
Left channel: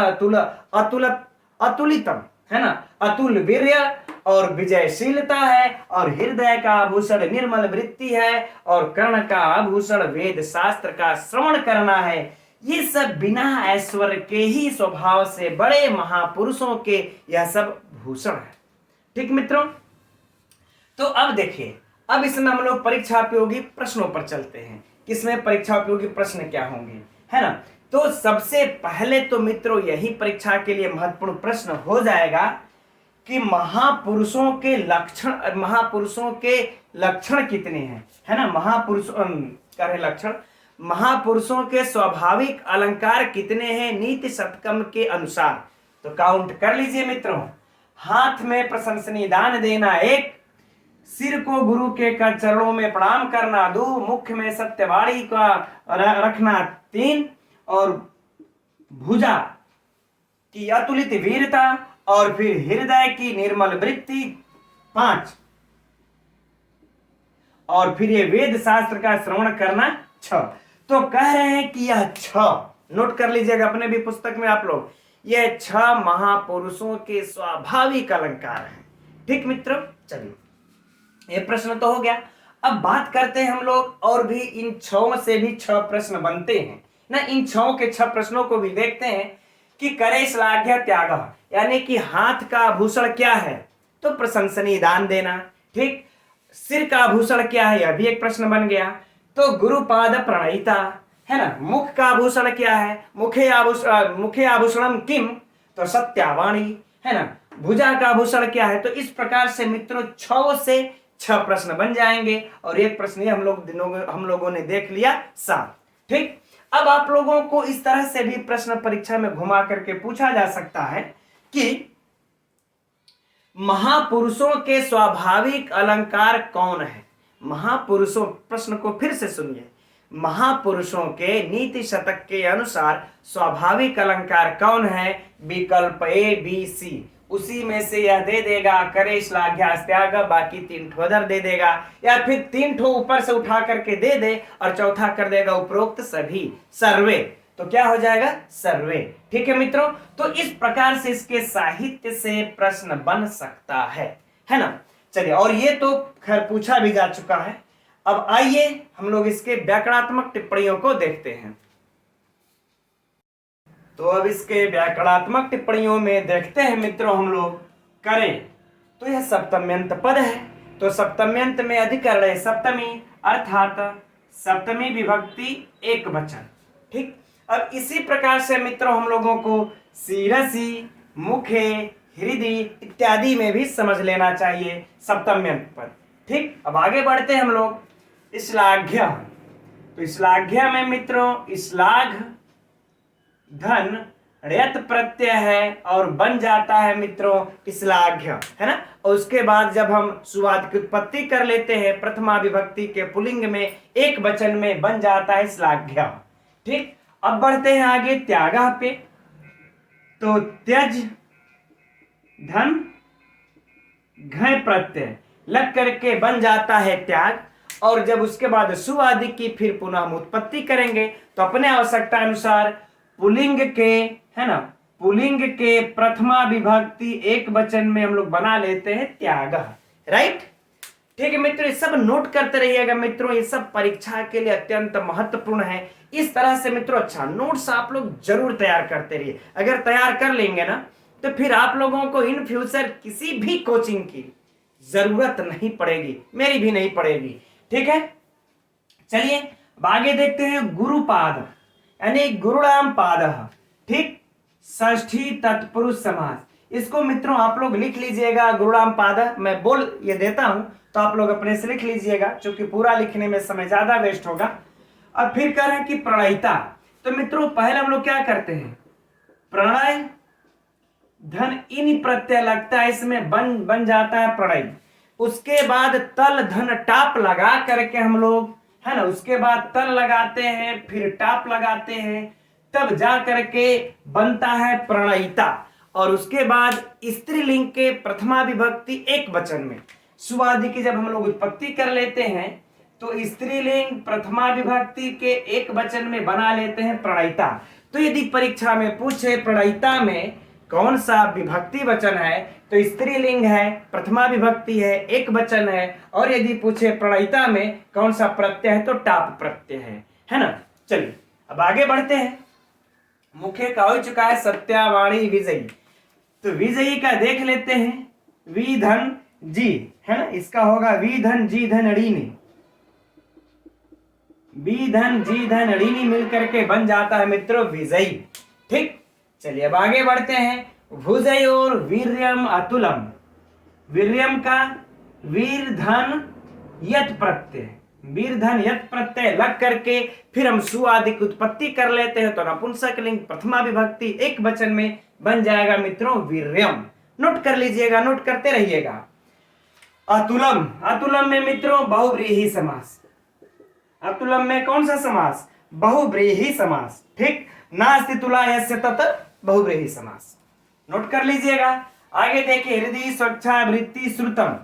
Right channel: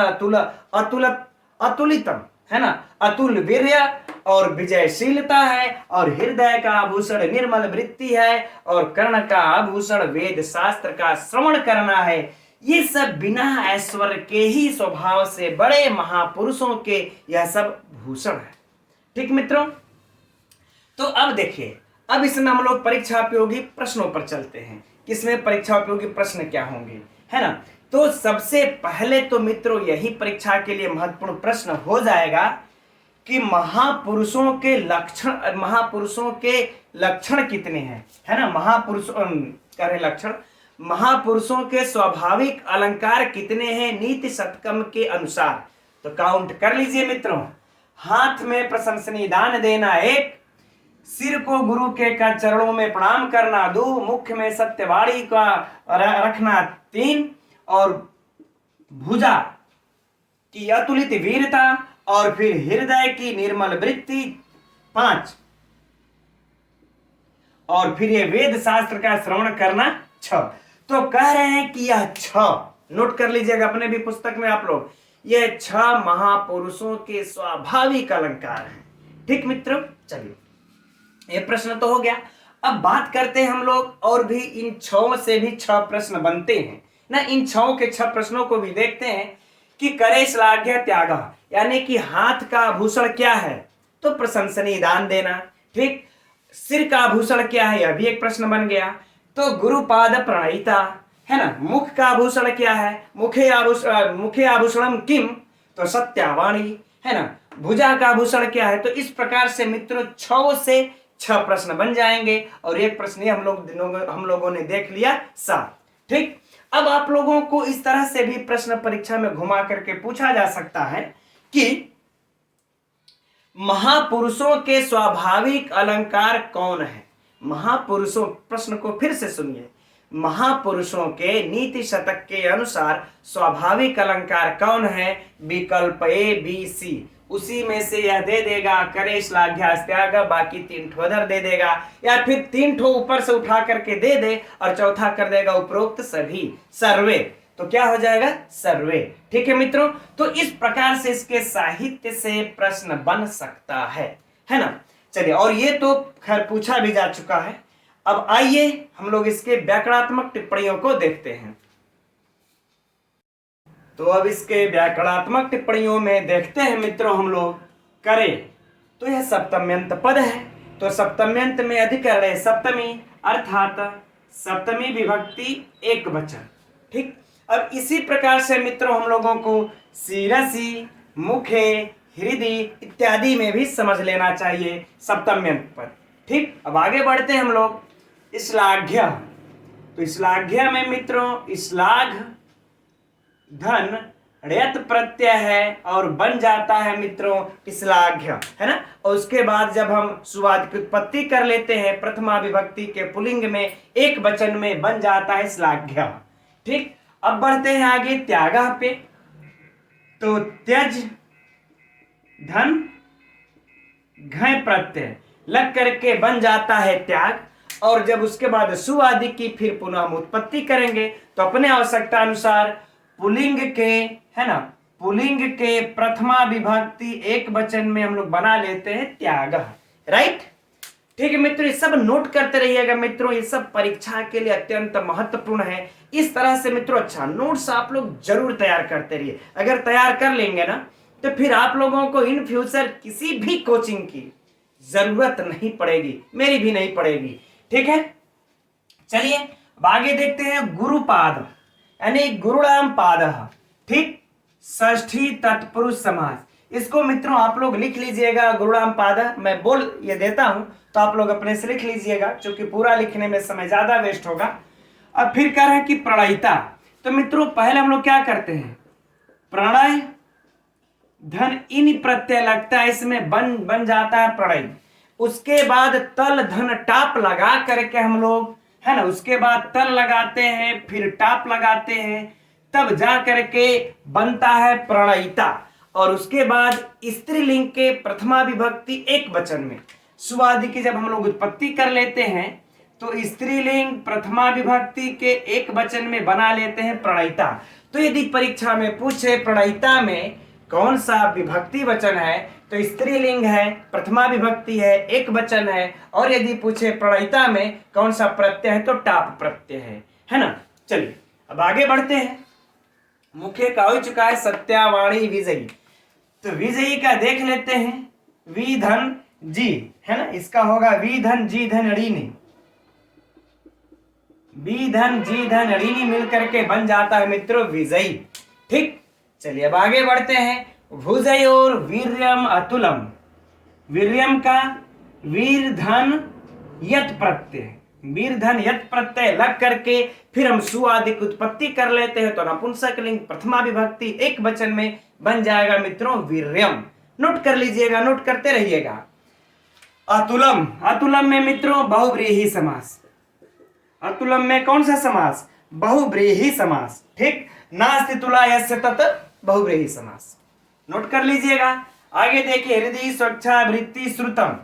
अतुलितम, है ना, अतुल वीर्य और विजयशीलता है, और हृदय का आभूषण निर्मल वृत्ति है, और कर्ण का आभूषण वेद शास्त्र का श्रवण करना है। ये सब बिना ऐश्वर्य के ही स्वभाव से बड़े महापुरुषों के यह सब भूषण है। ठीक मित्रों, तो अब देखिए, अब इसमें हम लोग परीक्षा उपयोगी प्रश्नों पर चलते हैं। किसमें परीक्षा उपयोगी प्रश्न क्या होंगे, है ना। तो सबसे पहले तो मित्रों यही परीक्षा के लिए महत्वपूर्ण प्रश्न हो जाएगा कि महापुरुषों के लक्षण कितने हैं, है ना। लक्षण, महापुरुषों के स्वाभाविक अलंकार कितने हैं नीति शतकम के अनुसार। तो काउंट कर लीजिए मित्रों। हाथ में प्रशंसनीय दान देना 1, सिर को गुरु के चरणों में प्रणाम करना 2, मुख में सत्यवाणी का रखना 3, और भुजा की अतुलित वीरता और फिर हृदय की निर्मल वृत्ति 5, और फिर ये वेद शास्त्र का श्रवण करना 6। तो कह रहे हैं कि यह 6 नोट कर लीजिएगा अपने भी पुस्तक में आप लोग, यह 6 महापुरुषों के स्वाभाविक अलंकार हैं। ठीक मित्रों, चलिए ये प्रश्न तो हो गया। अब बात करते हैं हम लोग, और भी इन 6 से भी 6 प्रश्न बनते हैं ना। इन 6 के 6 प्रश्नों को भी देखते हैं कि करे श्लाघ्य त्याग, यानी कि हाथ का आभूषण क्या है? तो प्रशंसनीय दान देना। ठीक, सिर का आभूषण क्या है? यह भी एक प्रश्न बन गया। तो गुरुपाद प्रणयिता, है ना। मुख का आभूषण क्या है? मुखे आभूषणम किम, तो सत्यावाणी, है ना। भुजा का आभूषण क्या है? तो इस प्रकार से मित्रों 6 से 6 प्रश्न बन जाएंगे, और एक प्रश्न हम लोगों ने देख लिया 7। ठीक, अब आप लोगों को इस तरह से भी प्रश्न परीक्षा में घुमा करके पूछा जा सकता है कि महापुरुषों के स्वाभाविक अलंकार कौन है? महापुरुषों, प्रश्न को फिर से सुनिए, महापुरुषों के नीति शतक के अनुसार स्वाभाविक अलंकार कौन है? विकल्प A, B, C। उसी में से यह दे देगा, करे श्लाघ्या त्याग, बाकी 3 ठो उधर दे देगा, या फिर 3 ठो ऊपर से उठा करके दे दे और चौथा कर देगा उपरोक्त सभी सर्वे, तो क्या हो जाएगा सर्वे। ठीक है मित्रों, तो इस प्रकार से इसके साहित्य से प्रश्न बन सकता है ना। चलिए, और ये तो खैर पूछा भी जा चुका है। अब आइए हम लोग इसके व्याकरणात्मक टिप्पणियों को देखते हैं। तो अब इसके व्याकरणात्मक टिप्पणियों में देखते हैं मित्रों हम लोग करें, तो यह सप्तम्यंत पद है, तो सप्तम्यंत में अधिकरण है सप्तमी, अर्थात सप्तमी विभक्ति एक वचन। ठीक, अब इसी प्रकार से मित्रों हम लोगों को शिरसि, मुखे, हृदय इत्यादि में भी समझ लेना चाहिए सप्तम्यंत पद। ठीक, अब आगे बढ़ते हैं हम लोग श्लाघ्य। तो श्लाघ्य में मित्रों श्लाघ धन ण्यत प्रत्यय है और बन जाता है मित्रों श्लाघ्य, है ना। और उसके बाद जब हम सुवाद की उत्पत्ति कर लेते हैं प्रथमा विभक्ति के पुल्लिंग में एक वचन में बन जाता है श्लाघ्य। ठीक, अब बढ़ते हैं आगे त्यागः पे। तो त्यज धन घय प्रत्यय लग करके बन जाता है त्याग, और जब उसके बाद सुआदि की फिर पुनः हम उत्पत्ति करेंगे तो अपने आवश्यकता अनुसार पुलिंग के, है ना, पुलिंग के प्रथमा विभक्ति एक वचन में हम लोग बना लेते हैं त्याग। राइट, ठीक है मित्रों, ये सब नोट करते रहिएगा मित्रों, ये सब परीक्षा के लिए अत्यंत महत्वपूर्ण है। इस तरह से मित्रों अच्छा नोट्स आप लोग जरूर तैयार करते रहिए। अगर तैयार कर लेंगे ना तो फिर आप लोगों को इन फ्यूचर किसी भी कोचिंग की जरूरत नहीं पड़ेगी, मेरी भी नहीं पड़ेगी। ठीक है, चलिए अब आगे देखते हैं गुरुपाद यानी गुरुणाम पाद। ठीक, षष्ठी तत्पुरुष समास, इसको मित्रों आप लोग लिख लीजिएगा गुरुणाम पाद। मैं बोल ये देता हूं तो आप लोग अपने से लिख लीजिएगा, क्योंकि पूरा लिखने में समय ज्यादा वेस्ट होगा। अब फिर कह रहे हैं कि प्रणयिता, तो मित्रों पहले हम लोग क्या करते हैं, प्रणय धन इन प्रत्यय लगता है, इसमें बन जाता है प्रणय। उसके बाद तल धन टाप लगा करके हम लोग, है ना, उसके बाद तल लगाते हैं फिर टाप लगाते हैं, तब जा करके बनता है प्रणयिता। और उसके बाद स्त्रीलिंग के प्रथमा विभक्ति एक वचन में सुवादि की जब हम लोग उत्पत्ति कर लेते हैं तो स्त्रीलिंग प्रथमा विभक्ति के एक वचन में बना लेते हैं प्रणयिता। तो यदि परीक्षा में पूछे प्रणयिता में कौन सा विभक्ति वचन है तो स्त्रीलिंग है, प्रथमा विभक्ति है, एक वचन है, और यदि पूछे प्रणयिता में कौन सा प्रत्यय है तो टाप प्रत्यय है ना। चलिए अब आगे बढ़ते हैं। मुख्य का हो चुका है सत्यावाणी विजयी, तो विजयी का देख लेते हैं, वी धन जी, है ना, इसका होगा वी धन जी धन ऋणी, वी धन जी धन ऋणी मिलकर के बन जाता है मित्रों विजयी। ठीक, चलिए अब आगे बढ़ते हैं। भुजयोर वीर्यम अतुलम, वीर्यम का वीर धन यत प्रत्यय, वीर धन यत प्रत्यय लग करके फिर हम सुआदि की उत्पत्ति कर लेते हैं तो नपुंसक लिंग प्रथमा विभक्ति एक वचन में बन जाएगा मित्रों वीर्यम। नोट कर लीजिएगा, नोट करते रहिएगा। अतुलम, अतुलम में मित्रों बहुव्रीहि समास, अतुलम में कौन सा समास, बहुव्रीहि समास। ठीक, नास्ति तुला यस्य तत् बहुव्रीहि समास, नोट कर लीजिएगा। आगे देखिए हृदय स्वच्छा वृत्ति श्रुतम,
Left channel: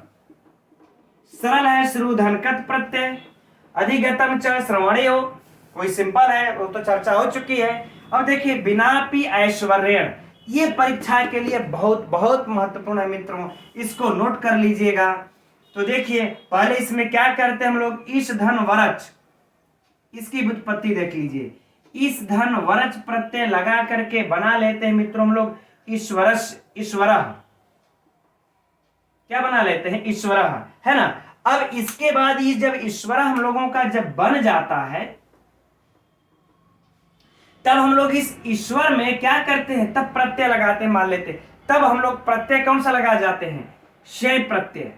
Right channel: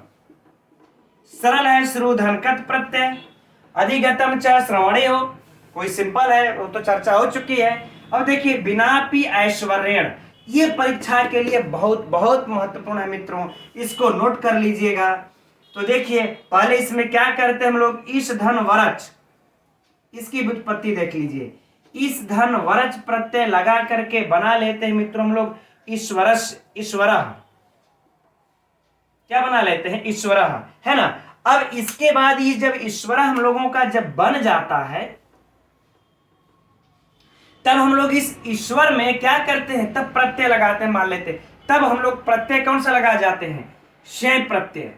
सरल है श्रु धन कत प्रत्यय, अधिगतम च श्रवणयो, कोई सिंपल है वो तो चर्चा हो चुकी है। अब देखिए बिनापि ऐश्वर्य, ये परीक्षा के लिए बहुत बहुत महत्वपूर्ण है मित्रों, इसको नोट कर लीजिएगा। तो देखिए पहले इसमें क्या करते हैं हम लोग, ईश धन वरच, इसकी व्युत्पत्ति देख लीजिए, इस धन वरच प्रत्यय लगा करके बना लेते हैं मित्रों हम लोग ईश्वरस, ईश्वर क्या बना लेते हैं ईश्वर, है ना। अब इसके बाद ये जब ईश्वर हम लोगों का जब बन जाता है तब हम लोग इस ईश्वर में क्या करते हैं, तब प्रत्यय लगाते हैं, मान लेते तब हम लोग प्रत्यय कौन सा लगा जाते हैं, शय प्रत्यय।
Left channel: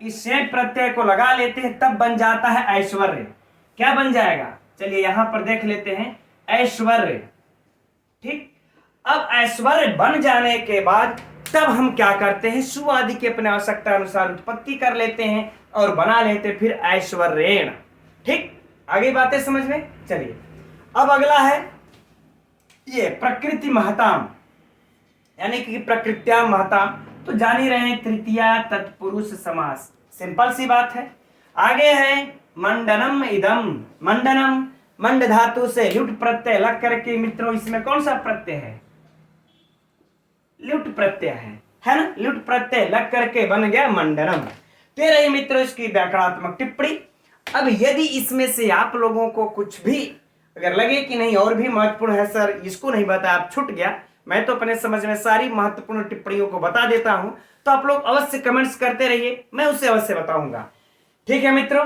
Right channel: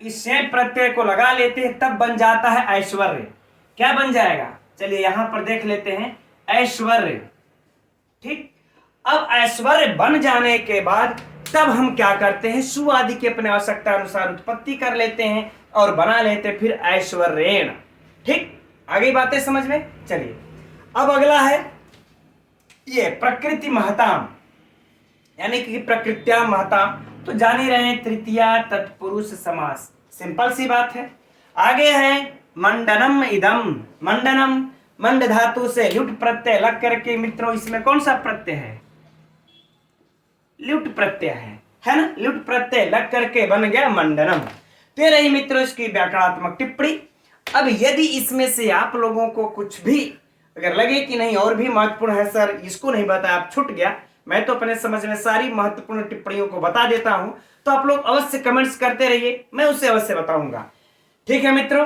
इस शय प्रत्यय को लगा लेते हैं तब बन जाता है ऐश्वर्य। क्या बन जाएगा, चलिए यहां पर देख लेते हैं ऐश्वर्य। ठीक, अब ऐश्वर्य बन जाने के बाद तब हम क्या करते हैं, सु आदि के अपने आवश्यकता अनुसार उत्पत्ति कर लेते हैं और बना लेते हैं फिर ऐश्वर्येण। ठीक, आगे बातें समझ में। चलिए अब अगला है ये प्रकृति महताम, यानी कि प्रकृत्या महता, तो जान ही रहे हैं तृतीया तत्पुरुष समास, सिंपल सी बात है। आगे है मंडनम इदम, मंडनम मंड धातु से लुट प्रत्यय लग करके मित्रों इसमें कौन सा प्रत्यय है, लुट प्रत्यय है ना, लुट प्रत्यय लग करके बन गया मंडनम। फिर रही मित्रों इसकी व्याकरणात्मक टिप्पणी। अब यदि इसमें से आप लोगों को कुछ भी अगर लगे कि नहीं और भी महत्वपूर्ण है सर, इसको नहीं बता, आप छूट गया, मैं तो अपने समझ में सारी महत्वपूर्ण टिप्पणियों को बता देता हूं, तो आप लोग अवश्य कमेंट्स करते रहिए, मैं उसे अवश्य बताऊंगा। ठीक है मित्रों,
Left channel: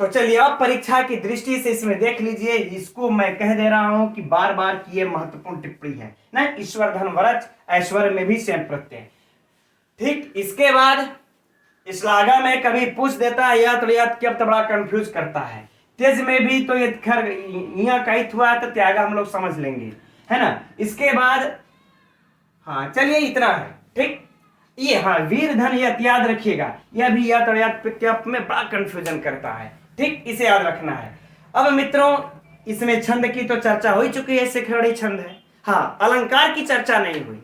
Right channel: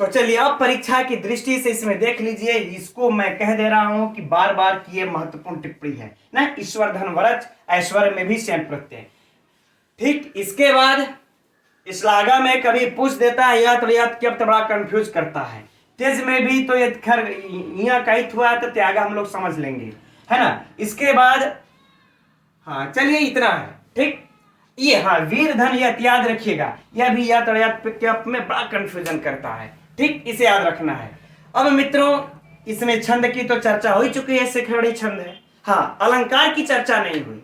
तो चलिए अब परीक्षा की दृष्टि से इसमें देख लीजिए, इसको मैं कह दे रहा हूं कि बार बार की ये महत्वपूर्ण टिप्पणी है ना, ईश्वर धन वरच ऐश्वर्य में भी सेम प्रत्यय। ठीक, इसके बाद श्लाघा में कभी पूछ देता है या तो याद बड़ा कंफ्यूज करता है, तेज में भी तो ये खैर यहाँ कहित हुआ है तो त्यागा हम लोग समझ लेंगे, है ना। इसके बाद हाँ चलिए इतना है। ठीक, ये हाँ वीर धन यह याद रखिएगा, यह भी याद में बड़ा कंफ्यूजन करता है। ठीक, इसे याद रखना है। अब मित्रों इसमें छंद की तो चर्चा हो ही चुकी है, सिखरड़ी छंद है। हाँ, अलंकार की चर्चा नहीं हुई,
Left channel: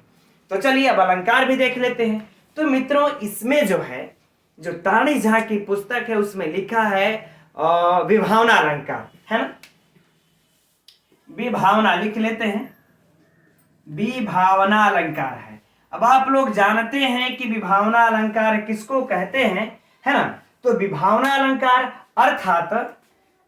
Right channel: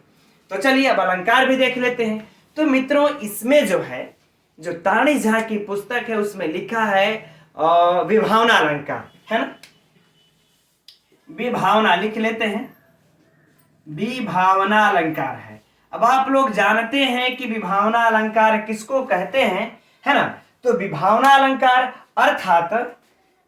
तो चलिए अब अलंकार भी देख लेते हैं। तो मित्रों इसमें जो है, जो ताणी झा की पुस्तक है उसमें लिखा है विभावना अलंकार, है ना, विभावना लिख लेते हैं, विभावना अलंकार है। अब आप लोग जानते हैं कि विभावना अलंकार किसको कहते हैं, है ना। तो विभावना अलंकार अर्थात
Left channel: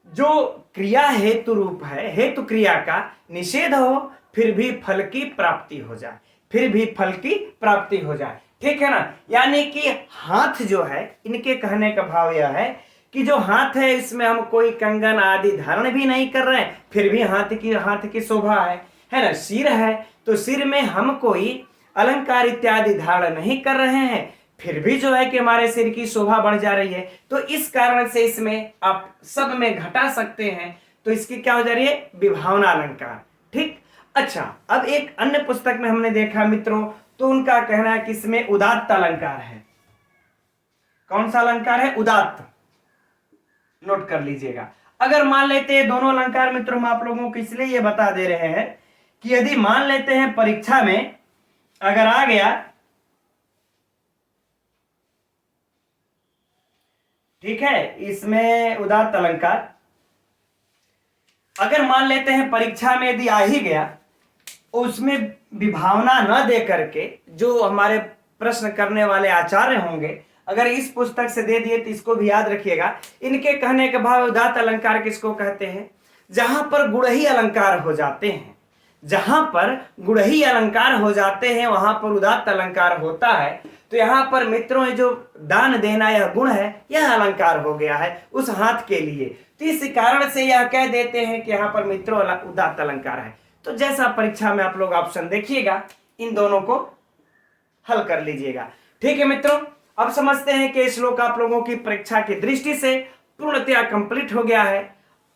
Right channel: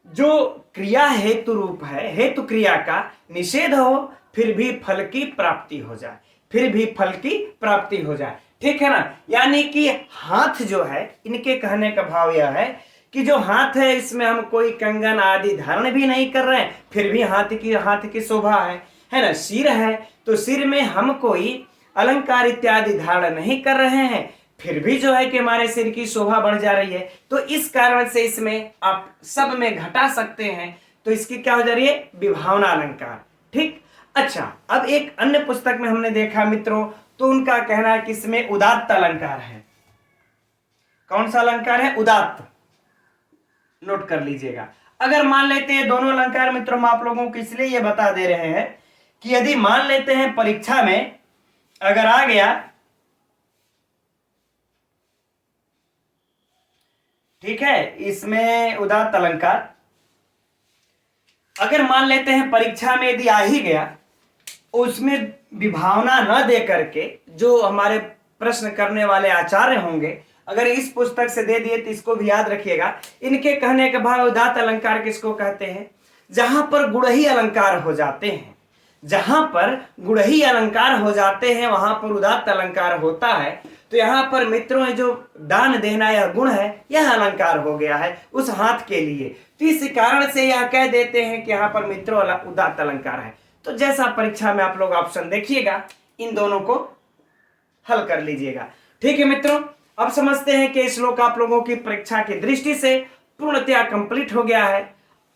जो क्रिया हेतु रूप है, हेतु क्रिया का निषेध हो फिर भी फल की प्राप्ति हो जाए, फिर भी फल की प्राप्ति हो जाए। ठीक है ना, यानी कि हाथ जो है, इनके कहने का भाव यह है कि जो हाथ है इसमें हम कोई कंगन आदि धारण भी नहीं कर रहे हैं, फिर भी हाथ की शोभा है ना। सिर है तो सिर में हम कोई अलंकार इत्यादि धारण नहीं कर रहे हैं, फिर भी जो है कि हमारे सिर की शोभा बढ़ जा रही है। तो इस कारण से इसमें आप सब में घटा सकते हैं, तो इसकी क्या हो जा रही है, विभावना अलंकार। ठीक, अच्छा अब एक अन्य पुस्तक में हमने देखा मित्रों, तो उनका कहना है कि इसमें उदात्त अलंकार है। कौन सा अलंकार है, उदात्त, नोट कर लीजिएगा। अगर मान लेते हैं दोनों अलंकार मित्रों, हम आप लोगों को इसलिए ये बता दे रहे हैं कि यदि मान लेते हैं परीक्षा में अगर आ गया, ठीक है, इसमें उदात्त अलंकार अगर मान लेते हैं परीक्षा में यदि आ ही गया, उसमें विभावना न दे करके जो हमारे प्रश्न करने वाले आचार्य होंगे अगर इस पुस्तक से दे दिए, तो इसको भी याद रखिएगा। इनके कहने के भाव उदात्त अलंकार किसको कहते हैं, जहां पर गुणही अलंकार हो जाते हैं, जहां पर गुणही अलंकार हो जाते हैं वहां पर उदात्त अलंकार होता है। तो यहाँ पर मित्रों जो दान देना यह गुण है, यह अलंकार हो गया है उस हाथ के लिए। तो इस कारण से यह कह देते हैं कि यहाँ पर मित्रों उदात्त अलंकार है। तो जैसा परीक्षा में आप लोग ऑप्शन देखिएगा, इन दोनों को हल कर लीजिएगा। ठीक है मित्रों, अब समझते हैं कि श्लोक आप लोगों की परीक्षा की दृष्टि से पूर्णतया कंप्लीट हो गया है।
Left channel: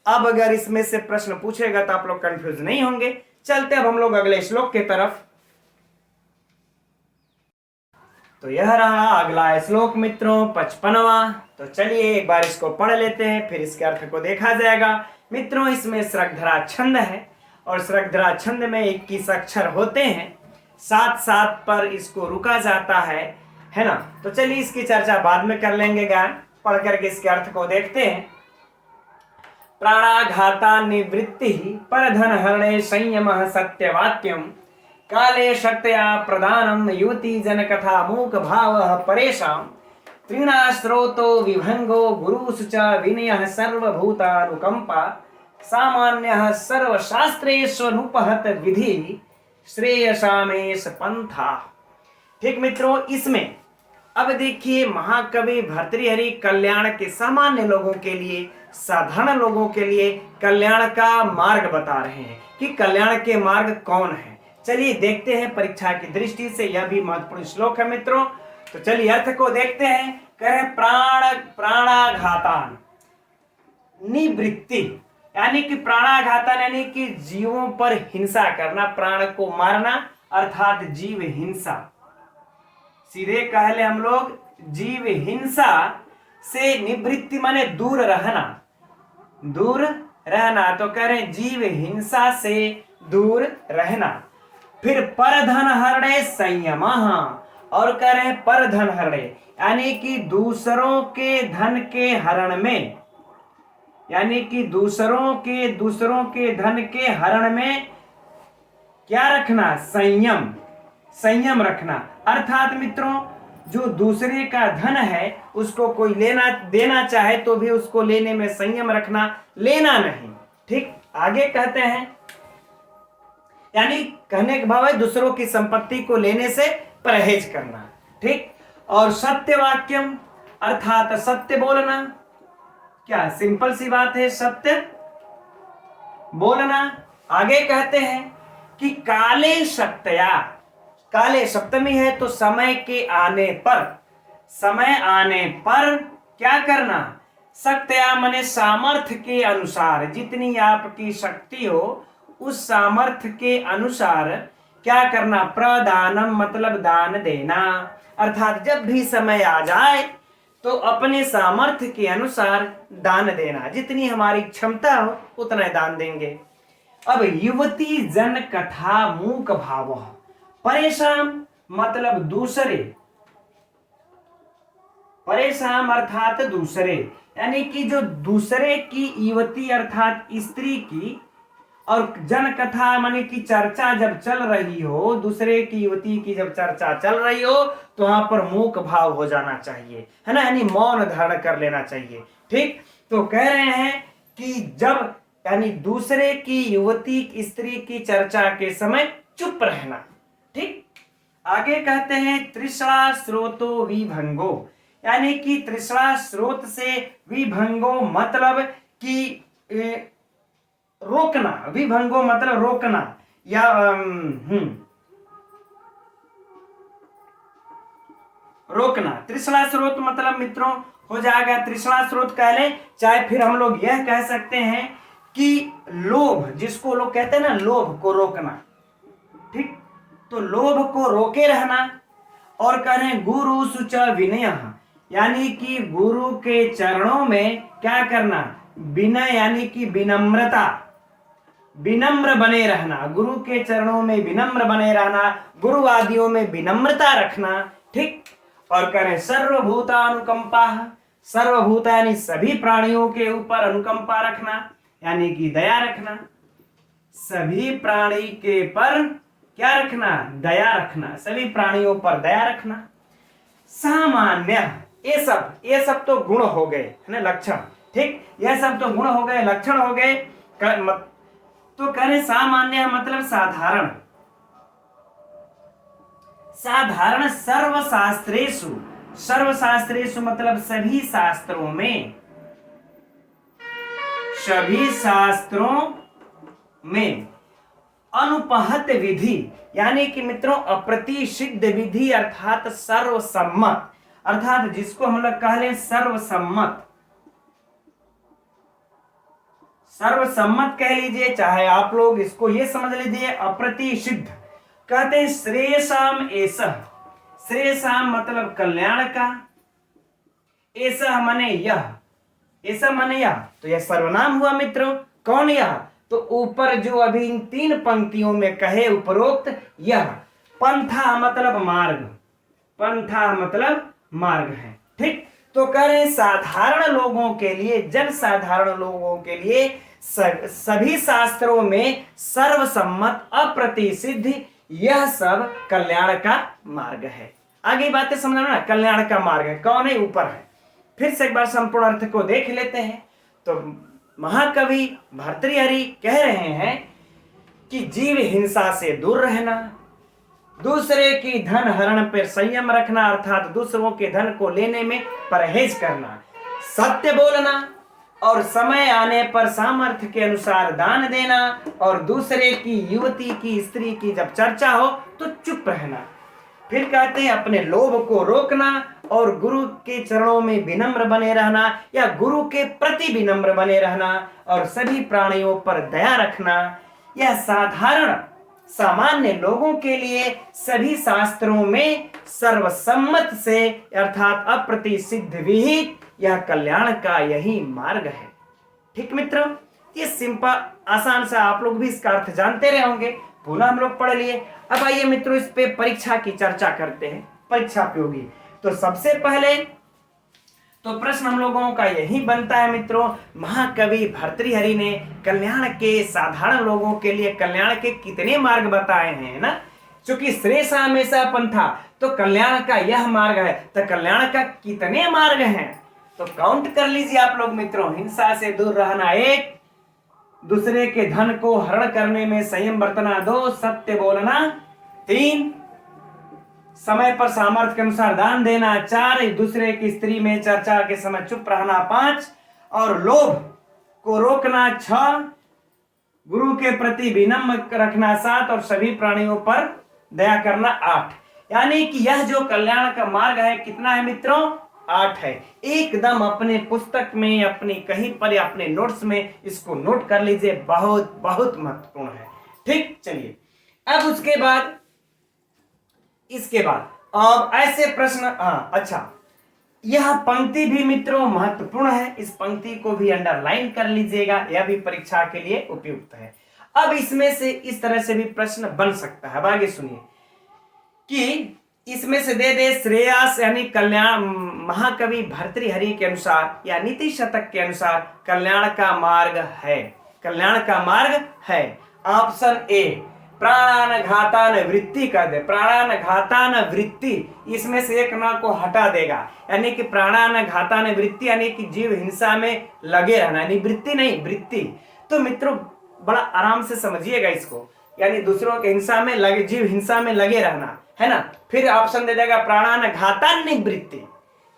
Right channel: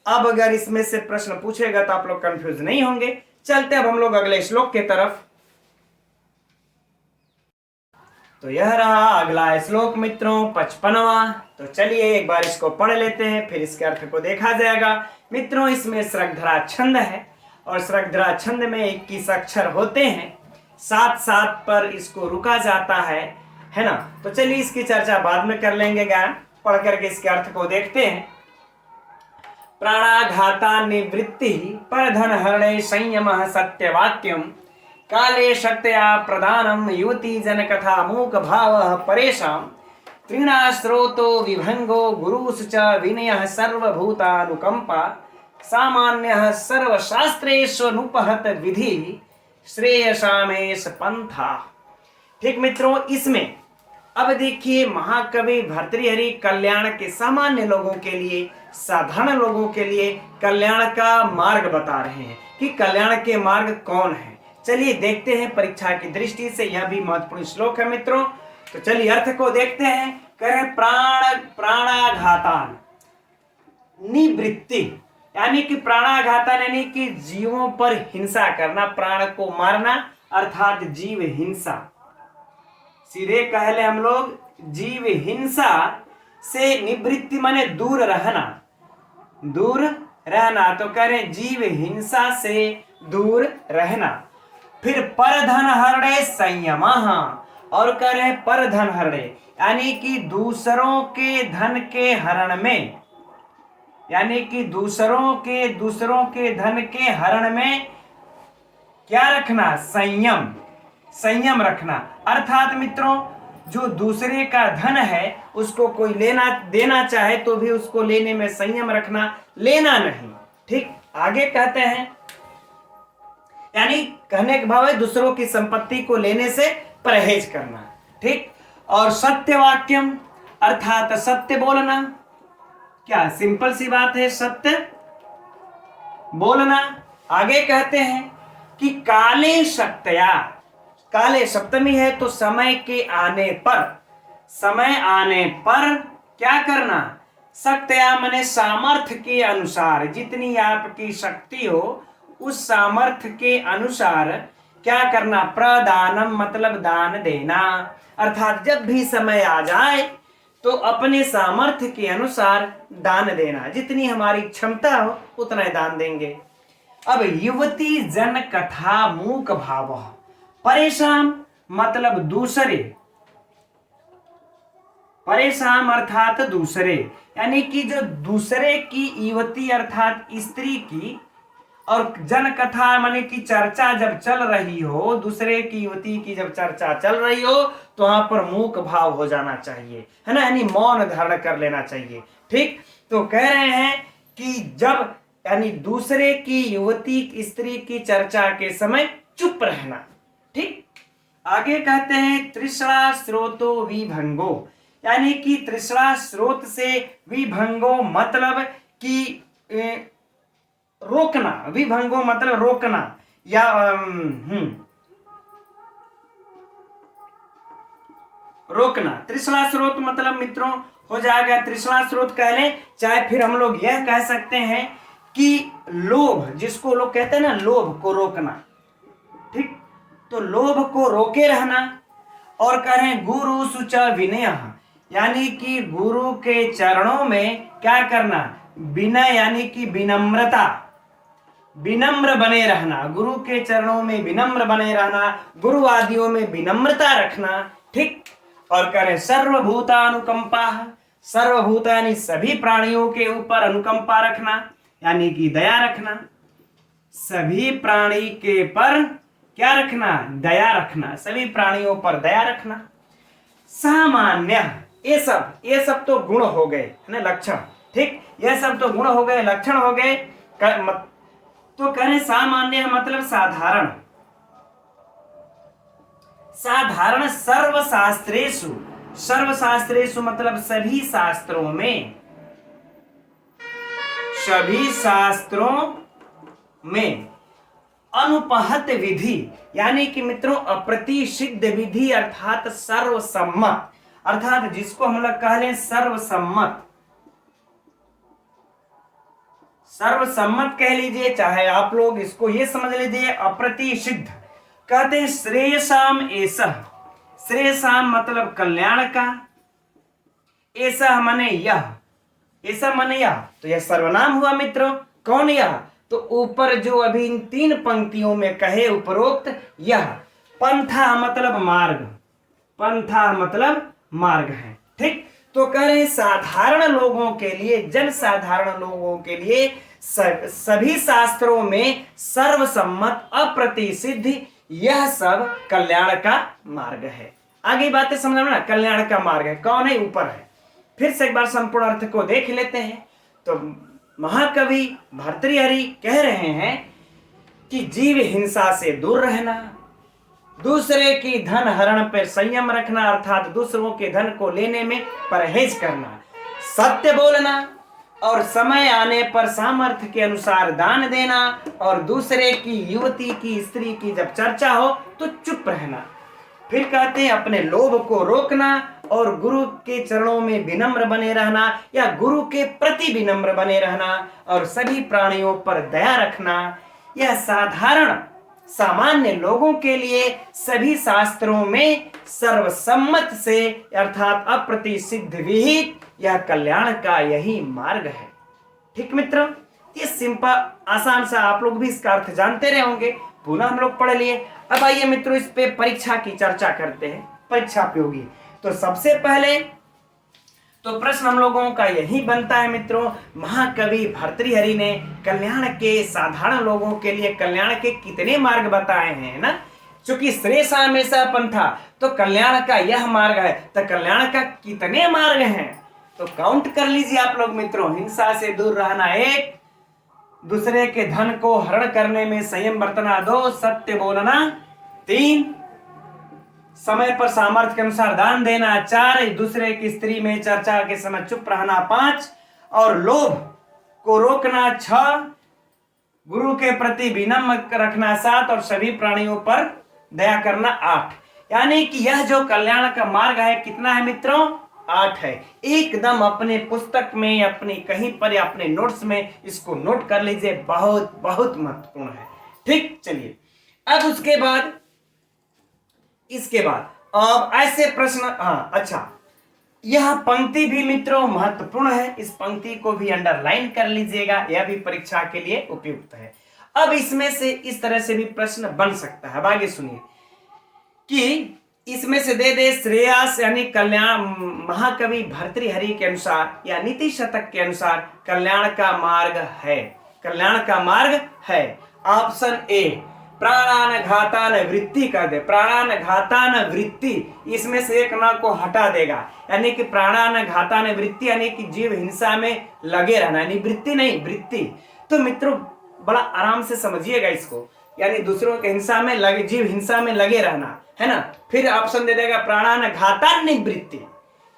अब अगर इसमें से प्रश्न पूछेगा तो आप लोग कंफ्यूज नहीं होंगे। चलते अब हम लोग अगले श्लोक की तरफ। तो यह रहा अगला श्लोक मित्रों, 55वां। तो चलिए एक बार इसको पढ़ लेते हैं, फिर इसके अर्थ को देखा जाएगा। मित्रों इसमें स्रग्धरा छंद है और स्रग्धरा छंद में 21 अक्षर होते हैं, साथ साथ पर इसको रुका जाता है ना। तो चलिए इसकी चर्चा बाद में कर लेंगे, गान पढ़ करके इसके अर्थ को देखते हैं। प्राणाघाता निवृत्ति परधन हरणे संयम सत्यवाक्यम काले शक्तया प्रदानम युवती जन कथा मूक भाव परेशाम त्रिणाश्रोतो विभंगो गुरुस च विनय सर्वभूतानुकंपा सामान्य सर्वशास्त्रेष्वनुपहत विधि श्रेयसामेश पंथा। ठीक मित्रों, इसमें अब देखिए महाकवि भर्तृहरि कल्याण के सामान्य लोगों के लिए, साधारण लोगों के लिए कल्याण का मार्ग बता रहे हैं कि कल्याण के मार्ग कौन है। चलिए देखते हैं परीक्षा की दृष्टि से, यह भी महत्वपूर्ण श्लोक है मित्रों। तो चलिए अर्थ को देखते हैं। कह रहे प्राणाघातान निवृत्ति, यानी कि प्राणाघातन यानी कि जीवों पर हिंसा करना, प्राण को मारना अर्थात जीव हिंसा। सीधे कह ले हम लोग, जीव हिंसा से निवृत्ति माने दूर रहना, दूर रहना। तो कह रहे जीव हिंसा से दूर रहना। फिर परधन हरणे संयम, और कह रहे हैं परधन हरणे, यानी कि दूसरों के धन के हरण में, यानी कि दूसरों के धन के हरण में क्या रखना, संयम, संयम रखना। अर्थात मित्रों, जो दूसरे का धन है उसको कोई लेना देना चाहे तो भी उसको लेने में संयम रखना, लेना नहीं। ठीक, आगे कहते हैं, यानी कहने का भाव है दूसरों की संपत्ति को लेने से परहेज करना। ठीक, और सत्य वाक्यम, अर्थात सत्य बोलना। क्या सिंपल सी बात है, सत्य बोलना। आगे कहते हैं कि काले शक्तया, काले सप्तमी है तो समय के आने पर, समय आने पर क्या करना, शक्तया माने सामर्थ्य के अनुसार, जितनी आपकी शक्ति हो उस सामर्थ्य के अनुसार क्या करना, प्रदानम मतलब दान देना। अर्थात जब भी समय आ जाए तो अपने सामर्थ्य के अनुसार दान देना, जितनी हमारी क्षमता हो उतना ही दान देंगे। अब युवती जन कथा मूक भाव, परेशान मतलब दूसरे, परेशान अर्थात दूसरे, यानी कि जो दूसरे की युवती अर्थात स्त्री की, और जन कथा माने की चर्चा जब चल रही हो, दूसरे की युवती की जब चर्चा चल रही हो तो वहां पर मूक भाव हो जाना चाहिए, है ना, यानी मौन धारण कर लेना चाहिए। ठीक, तो कह रहे हैं कि जब यानी दूसरे की युवती स्त्री की चर्चा के समय चुप रहना। ठीक, आगे कहते हैं तृष्णा स्रोतो विभंगो, यानी कि तृष्णा स्रोत से विभंगो मतलब कि रोकना, विभंगो मतलब रोकना, या रोकना। तृष्णा स्रोत मतलब मित्रों हो जाएगा, तृष्णा स्रोत कह ले, चाहे फिर हम लोग यह कह सकते हैं कि लोभ, जिसको लोग कहते हैं ना, लोभ को रोकना। ठीक, तो लोभ को रोके रहना। और कह रहे हैं गुरु सुच विनय, यानी कि गुरु के चरणों में क्या करना, विनय यानी कि विनम्रता, विनम्र बने रहना, गुरु के चरणों में विनम्र बने रहना, गुरु आदियों में विनम्रता रखना। ठीक, और करें सर्वभूतानुकंपा, सर्वभूत यानी सभी प्राणियों के ऊपर अनुकंपा रखना, यानी कि दया रखना, सभी प्राणी के पर क्या रखना, दया रखना, सभी प्राणियों पर दया रखना। सामान्य, ये सब तो गुण हो गए, है ना, लक्षण। ठीक, यह सब तो गुण हो गए, लक्षण हो गए। तो करें सामान्य मतलब साधारण, साधारण सर्वशास्त्रेषु, सर्वशास्त्रेषु मतलब सभी शास्त्रों में, सभी शास्त्रों में अनुपहत विधि, यानी कि मित्रों अप्रतिसिद्ध विधि अर्थात सर्वसम्मत, अर्थात जिसको हम लोग कह लें सर्वसम्मत, सर्वसम्मत कह लीजिए, चाहे आप लोग इसको ये समझ लीजिए अप्रतिसिद्ध। कहते हैं श्रेयसाम एसह, श्रेयसाम मतलब कल्याण का, एसह माने यह, ऐसा माने यह, तो यह सर्वनाम हुआ मित्रों। कौन यह, तो ऊपर जो अभी इन 3 पंक्तियों में कहे उपरोक्त यह, पंथा मतलब मार्ग, पंथा मतलब मार्ग है। ठीक, तो कह रहे साधारण लोगों के लिए, जन साधारण लोगों के लिए सभी शास्त्रों में सर्वसम्मत अप्रतिसिद्ध यह सब कल्याण का मार्ग है। आगे बातें समझना ना, कल्याण का मार्ग है, कौन है, ऊपर है। फिर से एक बार संपूर्ण अर्थ को देख लेते हैं। तो महाकवि भर्तृहरि कह रहे हैं कि जीव हिंसा से दूर रहना, दूसरे की धन हरण पर संयम रखना, अर्थात दूसरों के धन को लेने में परहेज करना, सत्य बोलना, और समय आने पर सामर्थ्य के अनुसार दान देना, और दूसरे की युवती की स्त्री की जब चर्चा हो तो चुप रहना। फिर कहते हैं अपने लोभ को रोकना, और गुरु के चरणों में विनम्र बने रहना, या गुरु के प्रति विनम्र बने रहना, और सभी प्राणियों पर दया रखना। यह साधारण सामान्य लोगों के लिए सभी शास्त्रों में सर्वसम्मत से अर्थात अप्रतिसिद्ध विहित यह कल्याण का यही मार्ग है। ठीक मित्रों, ये सिंपल आसान सा, आप लोग भी इसका अर्थ जानते रहे होंगे, पुनः हम लोग पढ़ लिए। अब आइए मित्रों इस पे परीक्षा की चर्चा करते हैं, परीक्षा पे होगी। तो सबसे पहले तो प्रश्न हम लोगों का यही बनता है मित्रों, महाकवि भर्तृहरि ने कल्याण के साधारण लोगों के लिए कल्याण के कितने मार्ग बताए हैं ना। क्योंकि श्रेष्ठ हमेशा पंथा, तो कल्याण का यह मार्ग है, तो कल्याण का कितने मार्ग हैं तो काउंट कर लीजिए आप लोग मित्रों। हिंसा से दूर रहना 1, दूसरे के धन को हरण करने में संयम बरतना 2, सत्य बोलना 3, समय पर सामर्थ्य के अनुसार दान देना 4, दूसरे की स्त्री में चर्चा के समय चुप रहना 5, और लोभ को रोकना 6, गुरु के प्रति विनम्र रखना 7, और सभी प्राणियों पर दया करना 8। यानी कि यह जो कल्याण का मार्ग है कितना है मित्रों, 8 है। एकदम अपने पुस्तक में, अपने कहीं पर या अपने नोट्स में इसको नोट कर लीजिए, बहुत बहुत महत्वपूर्ण है। ठीक, चलिए अब उसके बाद इसके बाद अब ऐसे प्रश्न, अच्छा यह पंक्ति भी मित्रों महत्वपूर्ण है, इस पंक्ति को भी अंडरलाइन कर लीजिएगा, यह भी परीक्षा के लिए उपयुक्त है। अब इसमें से इस तरह से भी प्रश्न बन सकता है, अब आगे सुनिए कि इसमें से दे श्रेयस यानी कल्याण, महाकवि भर्तृहरि के अनुसार या नीति शतक के अनुसार कल्याण का मार्ग है, कल्याण का मार्ग है। ऑप्शन ए प्राणानघातान वृत्ति कर दे, प्राणानघातान वृत्ति, इसमें से एक ना को हटा देगा, यानी कि प्राणानघातान वृत्ति यानी कि जीव हिंसा में लगे रहना, यानी वृत्ति नहीं वृत्ति। तो मित्रों बड़ा आराम से समझिएगा इसको, यानी दूसरों के हिंसा में लगे, जीव हिंसा में लगे रहना है ना। फिर ऑप्शन दे देगा प्राणानघातान वृत्ति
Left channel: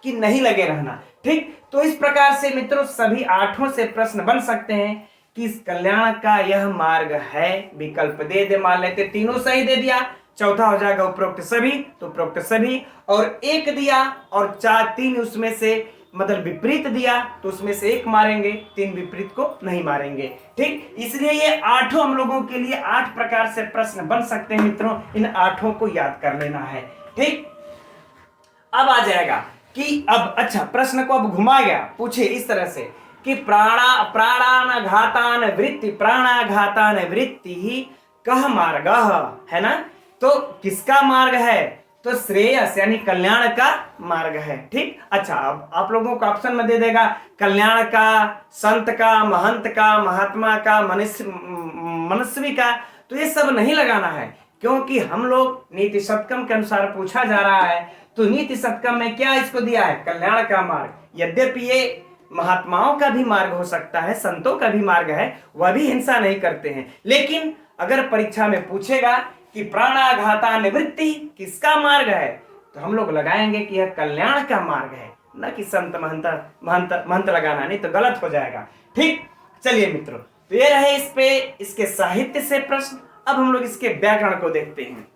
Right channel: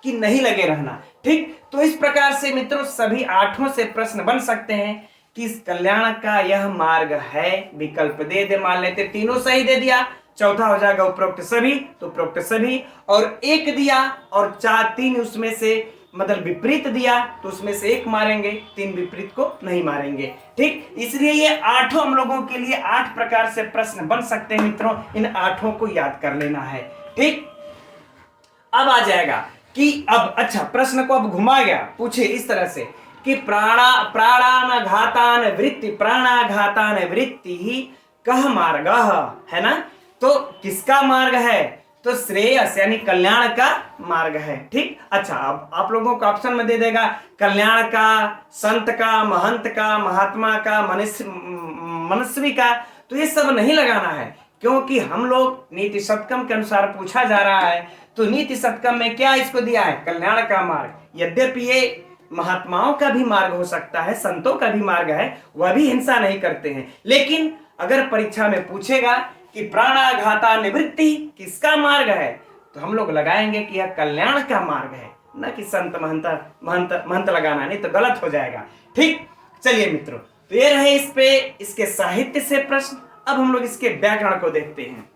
कि नहीं लगे रहना। ठीक, तो इस प्रकार से मित्रों सभी 8 से प्रश्न बन सकते हैं कि कल्याण का यह मार्ग है। विकल्प दे मान लेते, तीनों सही दे दिया, चौथा हो जाएगा उपरोक्त सभी, तो उपरोक्त सभी, और 1 दिया और 3 उसमें से मतलब विपरीत दिया तो उसमें से 1 मारेंगे, 3 विपरीत को नहीं मारेंगे। ठीक, इसलिए ये 8 हम लोगों के लिए 8 प्रकार से प्रश्न बन सकते हैं मित्रों, इन 8 को याद कर लेना है। ठीक, अब आ जाएगा कि अब अच्छा प्रश्न को अब घुमा गया, पूछे इस तरह से कि प्राणानघातान वृत्ति, प्राणाघातान वृत्ति ही कह मार्ग है ना। तो किसका मार्ग है, तो श्रेयस यानी कल्याण का मार्ग है। ठीक, अच्छा अब आप लोगों को ऑप्शन में दे देगा कल्याण का, संत का, महंत का, महात्मा का, मनस्वी का, तो ये सब नहीं लगाना है, क्योंकि हम लोग नीति शतकम के अनुसार पूछा जा रहा है। तो नीति शतकम में क्या इसको दिया है, कल्याण का मार्ग। यद्यपि ये महात्माओं का भी मार्ग हो सकता है, संतों का भी मार्ग है, वह भी हिंसा नहीं करते हैं, लेकिन अगर परीक्षा में पूछेगा कि प्राणाघाता निवृत्ति किसका मार्ग है, तो हम लोग लगाएंगे कि यह कल्याण का मार्ग है, न कि संत महंत लगाना, नहीं तो गलत हो जाएगा। ठीक, चलिए मित्रों, तो ये रहे इस पे इसके साहित्य से प्रश्न। अब हम लोग इसके व्याकरण को देखते हैं।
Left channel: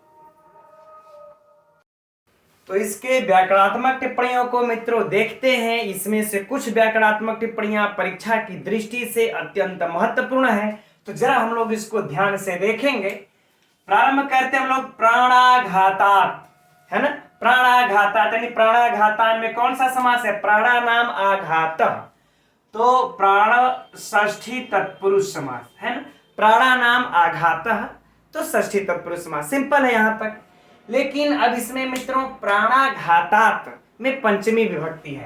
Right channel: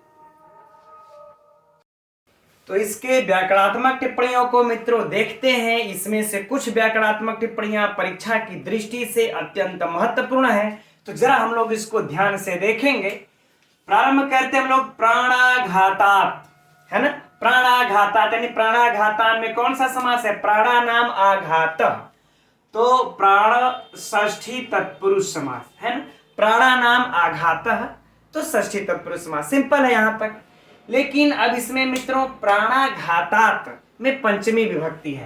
तो इसके व्याकरणात्मक टिप्पणियों को मित्रों देखते हैं। इसमें से कुछ व्याकरणात्मक टिप्पणियां परीक्षा की दृष्टि से अत्यंत महत्वपूर्ण है, तो जरा हम लोग इसको ध्यान से देखेंगे। प्रारंभ करते हम लोग प्राणाघातात, है ना, प्राणाघातात यानी प्राणाघातान में कौन सा समास है, प्राणानाम आघात, तो प्राण षष्ठी तत्पुरुष समास है ना, प्राणानाम आघात तो षष्ठी तत्पुरुष समास, सिंपल है यहां तक। लेकिन अब इसमें मित्रों प्राणाघातात में पंचमी विभक्ति है,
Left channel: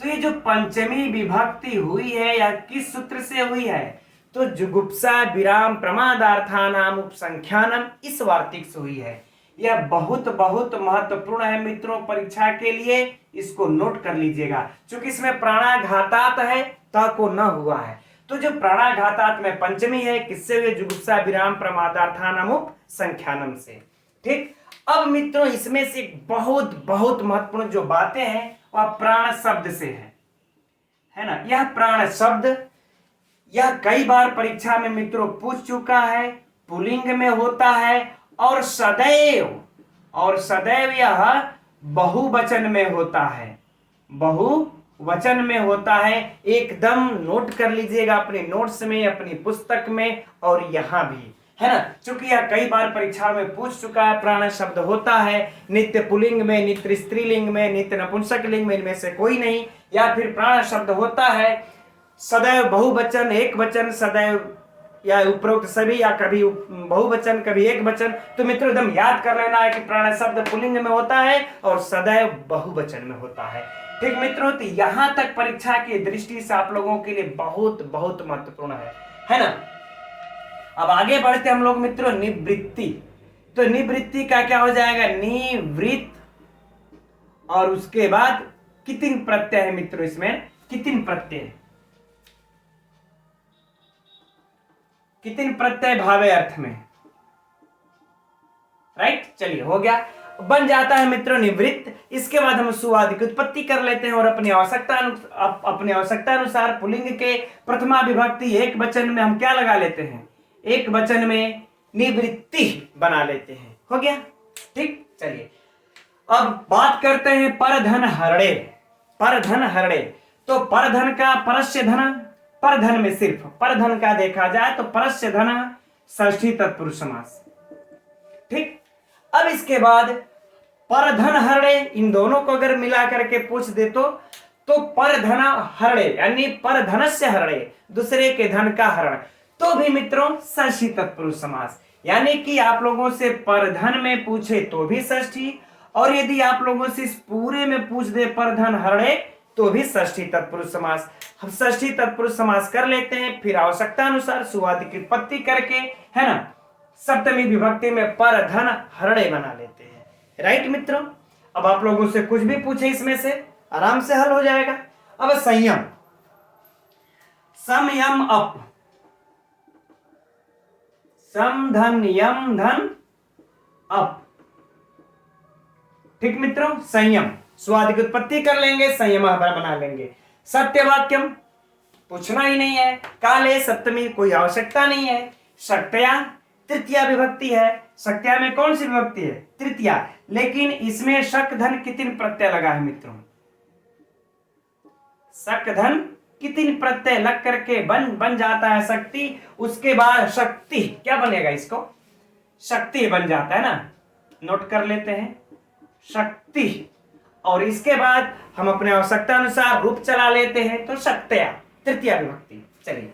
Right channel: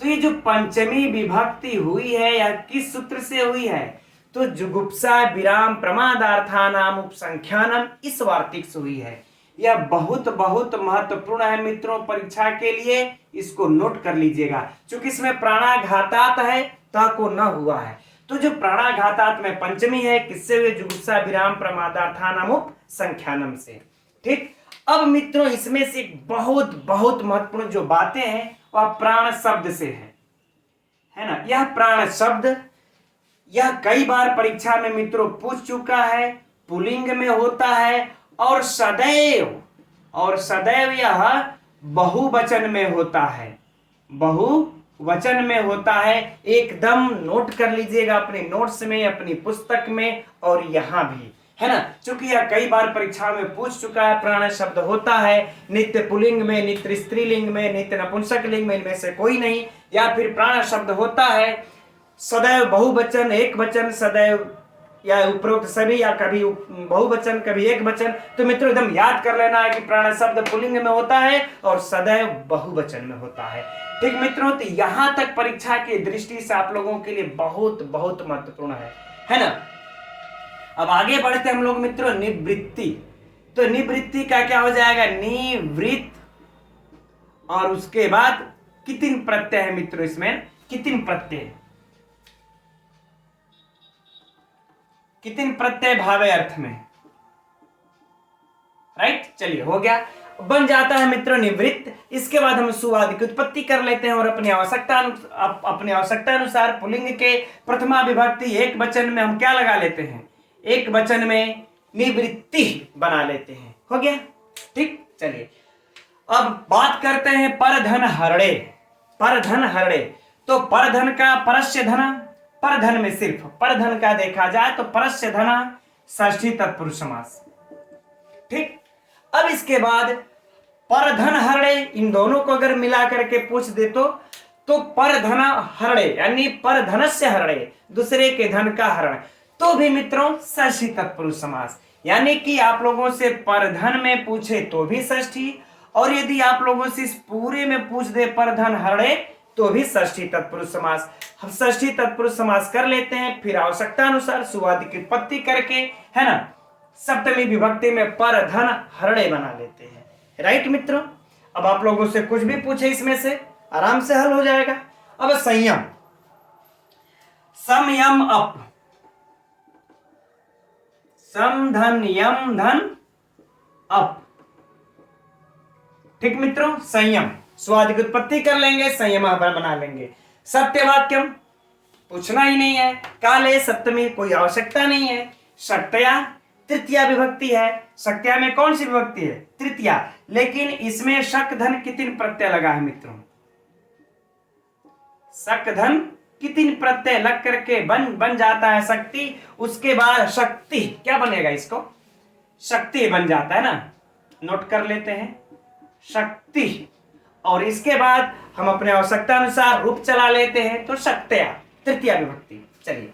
तो ये जो पंचमी विभक्ति हुई है या किस सूत्र से हुई है, तो जुगुप्सा विराम प्रमादार्थानाम उपसंख्यानम इस वार्तिक से हुई है। यह बहुत बहुत महत्वपूर्ण है मित्रों परीक्षा के लिए, इसको नोट कर लीजिएगा। क्योंकि इसमें प्राणाघातात है, ता को न हुआ है, तो जो प्राणाघातात में पंचमी है किससे हुई, जुगुप्सा विराम प्रमादार्थानाम उपसंख्यानम से। ठीक, अब मित्रों इसमें से बहुत बहुत महत्वपूर्ण जो बातें हैं वह प्राण शब्द से है ना। यह प्राण शब्द यह कई बार परीक्षा में मित्रों पूछ चुका है, पुल्लिंग में होता है और सदैव यह बहुवचन में होता है, बहुवचन में होता है। एकदम नोट कर लीजिएगा अपने नोट्स में, अपनी पुस्तक में और यहां भी, है ना, क्योंकि यह कई बार परीक्षा में पूछ चुका है। प्राण शब्द होता है नित्य पुल्लिंग में, नित्य स्त्रीलिंग में, नित्य नपुंसक लिंग में, इनमें से कोई नहीं। या फिर प्राण शब्द होता है सदैव बहुवचन, एक वचन, सदैव या उपरोक्त सभी, या कभी बहुवचन कभी एक वचन। तो मित्रों एकदम याद कर लेना है कि प्राण शब्द पुल्लिंग में होता है और सदैव बहुवचन में होता है। ठीक मित्रों, तो यहां तक परीक्षा की दृष्टि से आप लोगों के लिए बहुत बहुत महत्वपूर्ण है ना। अब आगे बढ़ते हम लोग मित्रों निवृत्ति। तो निवृत्ति का क्या हो जाएगा, निवृत्त, और उसके बाद कितिन प्रत्यय है मित्रों, इसमें कितिन प्रत्यय, कितिन प्रत्यय भावे अर्थ में, राइट। चलिए हो गया, बन जाता है मित्रों निवृत्त। इसके बाद हम सुवादि की उत्पत्ति कर लेते हैं और अपनी आवश्यकता अनुसार पुल्लिंग के प्रथमा विभक्ति एक वचन में हम क्या लगा लेते हैं, एक वचन में निवृत्ति बना लेते हैं। हो गया, ठीक। चलिए अब बात करते हैं परधन हरणे। परधन हरणे, तो परधन का परस्य धन, परधन में सिर्फ परधन का देखा जाए तो परस्य धन षष्ठी तत्पुरुष समास, ठीक। अब इसके बाद परधन हरणे, इन दोनों को अगर मिला करके पूछ दे तो परधन हरणे यानी परधनस्य हरणे, दूसरे के धन का हरण, तो भी मित्रों षष्ठी तत्पुरुष समास। यानी कि आप लोगों से परधन में पूछे तो भी षष्ठी, और यदि आप लोगों से इस पूरे में पूछ दे परधन हरणे तो भी षष्ठी तत्पुरुष समास। हम षष्ठी तत्पुरुष समास कर लेते हैं, फिर आवश्यकता अनुसार सुवादि की उत्पत्ति करके, है ना, सप्तमी विभक्ति में परधन हरणे बना लेते हैं, राइट मित्रों। अब आप लोगों से कुछ भी पूछे इसमें से आराम से हल हो जाएगा। अब संयम, समयम अप, सम धन यम धन अप, ठीक मित्रों। संयम, स्वाद की उत्पत्ति कर लेंगे, संयम बना लेंगे। सत्यवाक्यम पूछना ही नहीं है, काले सप्तमी कोई आवश्यकता नहीं है। शक्तया तृतीया विभक्ति है, शक्तया में कौन सी विभक्ति है, तृतीया, लेकिन इसमें शक धन कितिन प्रत्यय लगा है मित्रों, शक धन कितिन प्रत्यय लग करके बन जाता है शक्ति। उसके बाद शक्ति क्या बनेगा, इसको शक्ति बन जाता है ना, नोट कर लेते हैं शक्ति। और इसके बाद हम अपने आवश्यकता अनुसार रूप चला लेते हैं तो शक्तया तृतीया विभक्ति। चलिए,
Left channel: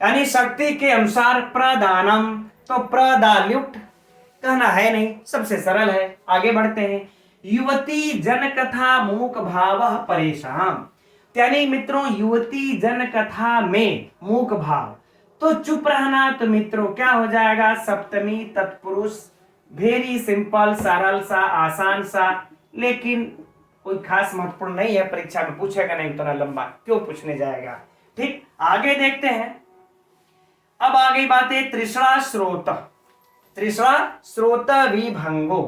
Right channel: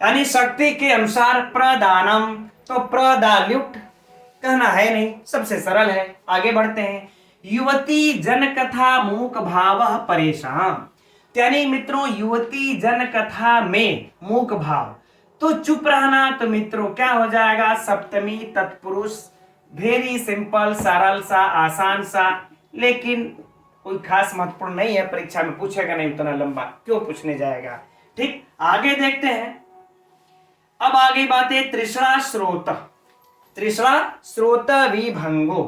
यानी शक्ति के अनुसार प्रदानम, तो प्रदाल्युट कहना है नहीं, सबसे सरल है। आगे बढ़ते हैं, युवती जन कथा मूक भाव परेशान, यानी मित्रों युवती जन कथा में मूक भाव, तो चुप रहना, तो मित्रों क्या हो जाएगा, सप्तमी तत्पुरुष, वेरी सिंपल, सरल सा, आसान सा, लेकिन कोई खास महत्वपूर्ण नहीं है, परीक्षा में पूछेगा नहीं उतना लंबा, क्यों पूछने जाएगा, ठीक। आगे देखते हैं, अब आगे बात है तृष्णा स्रोत, तृष्णा स्रोत विभंगो,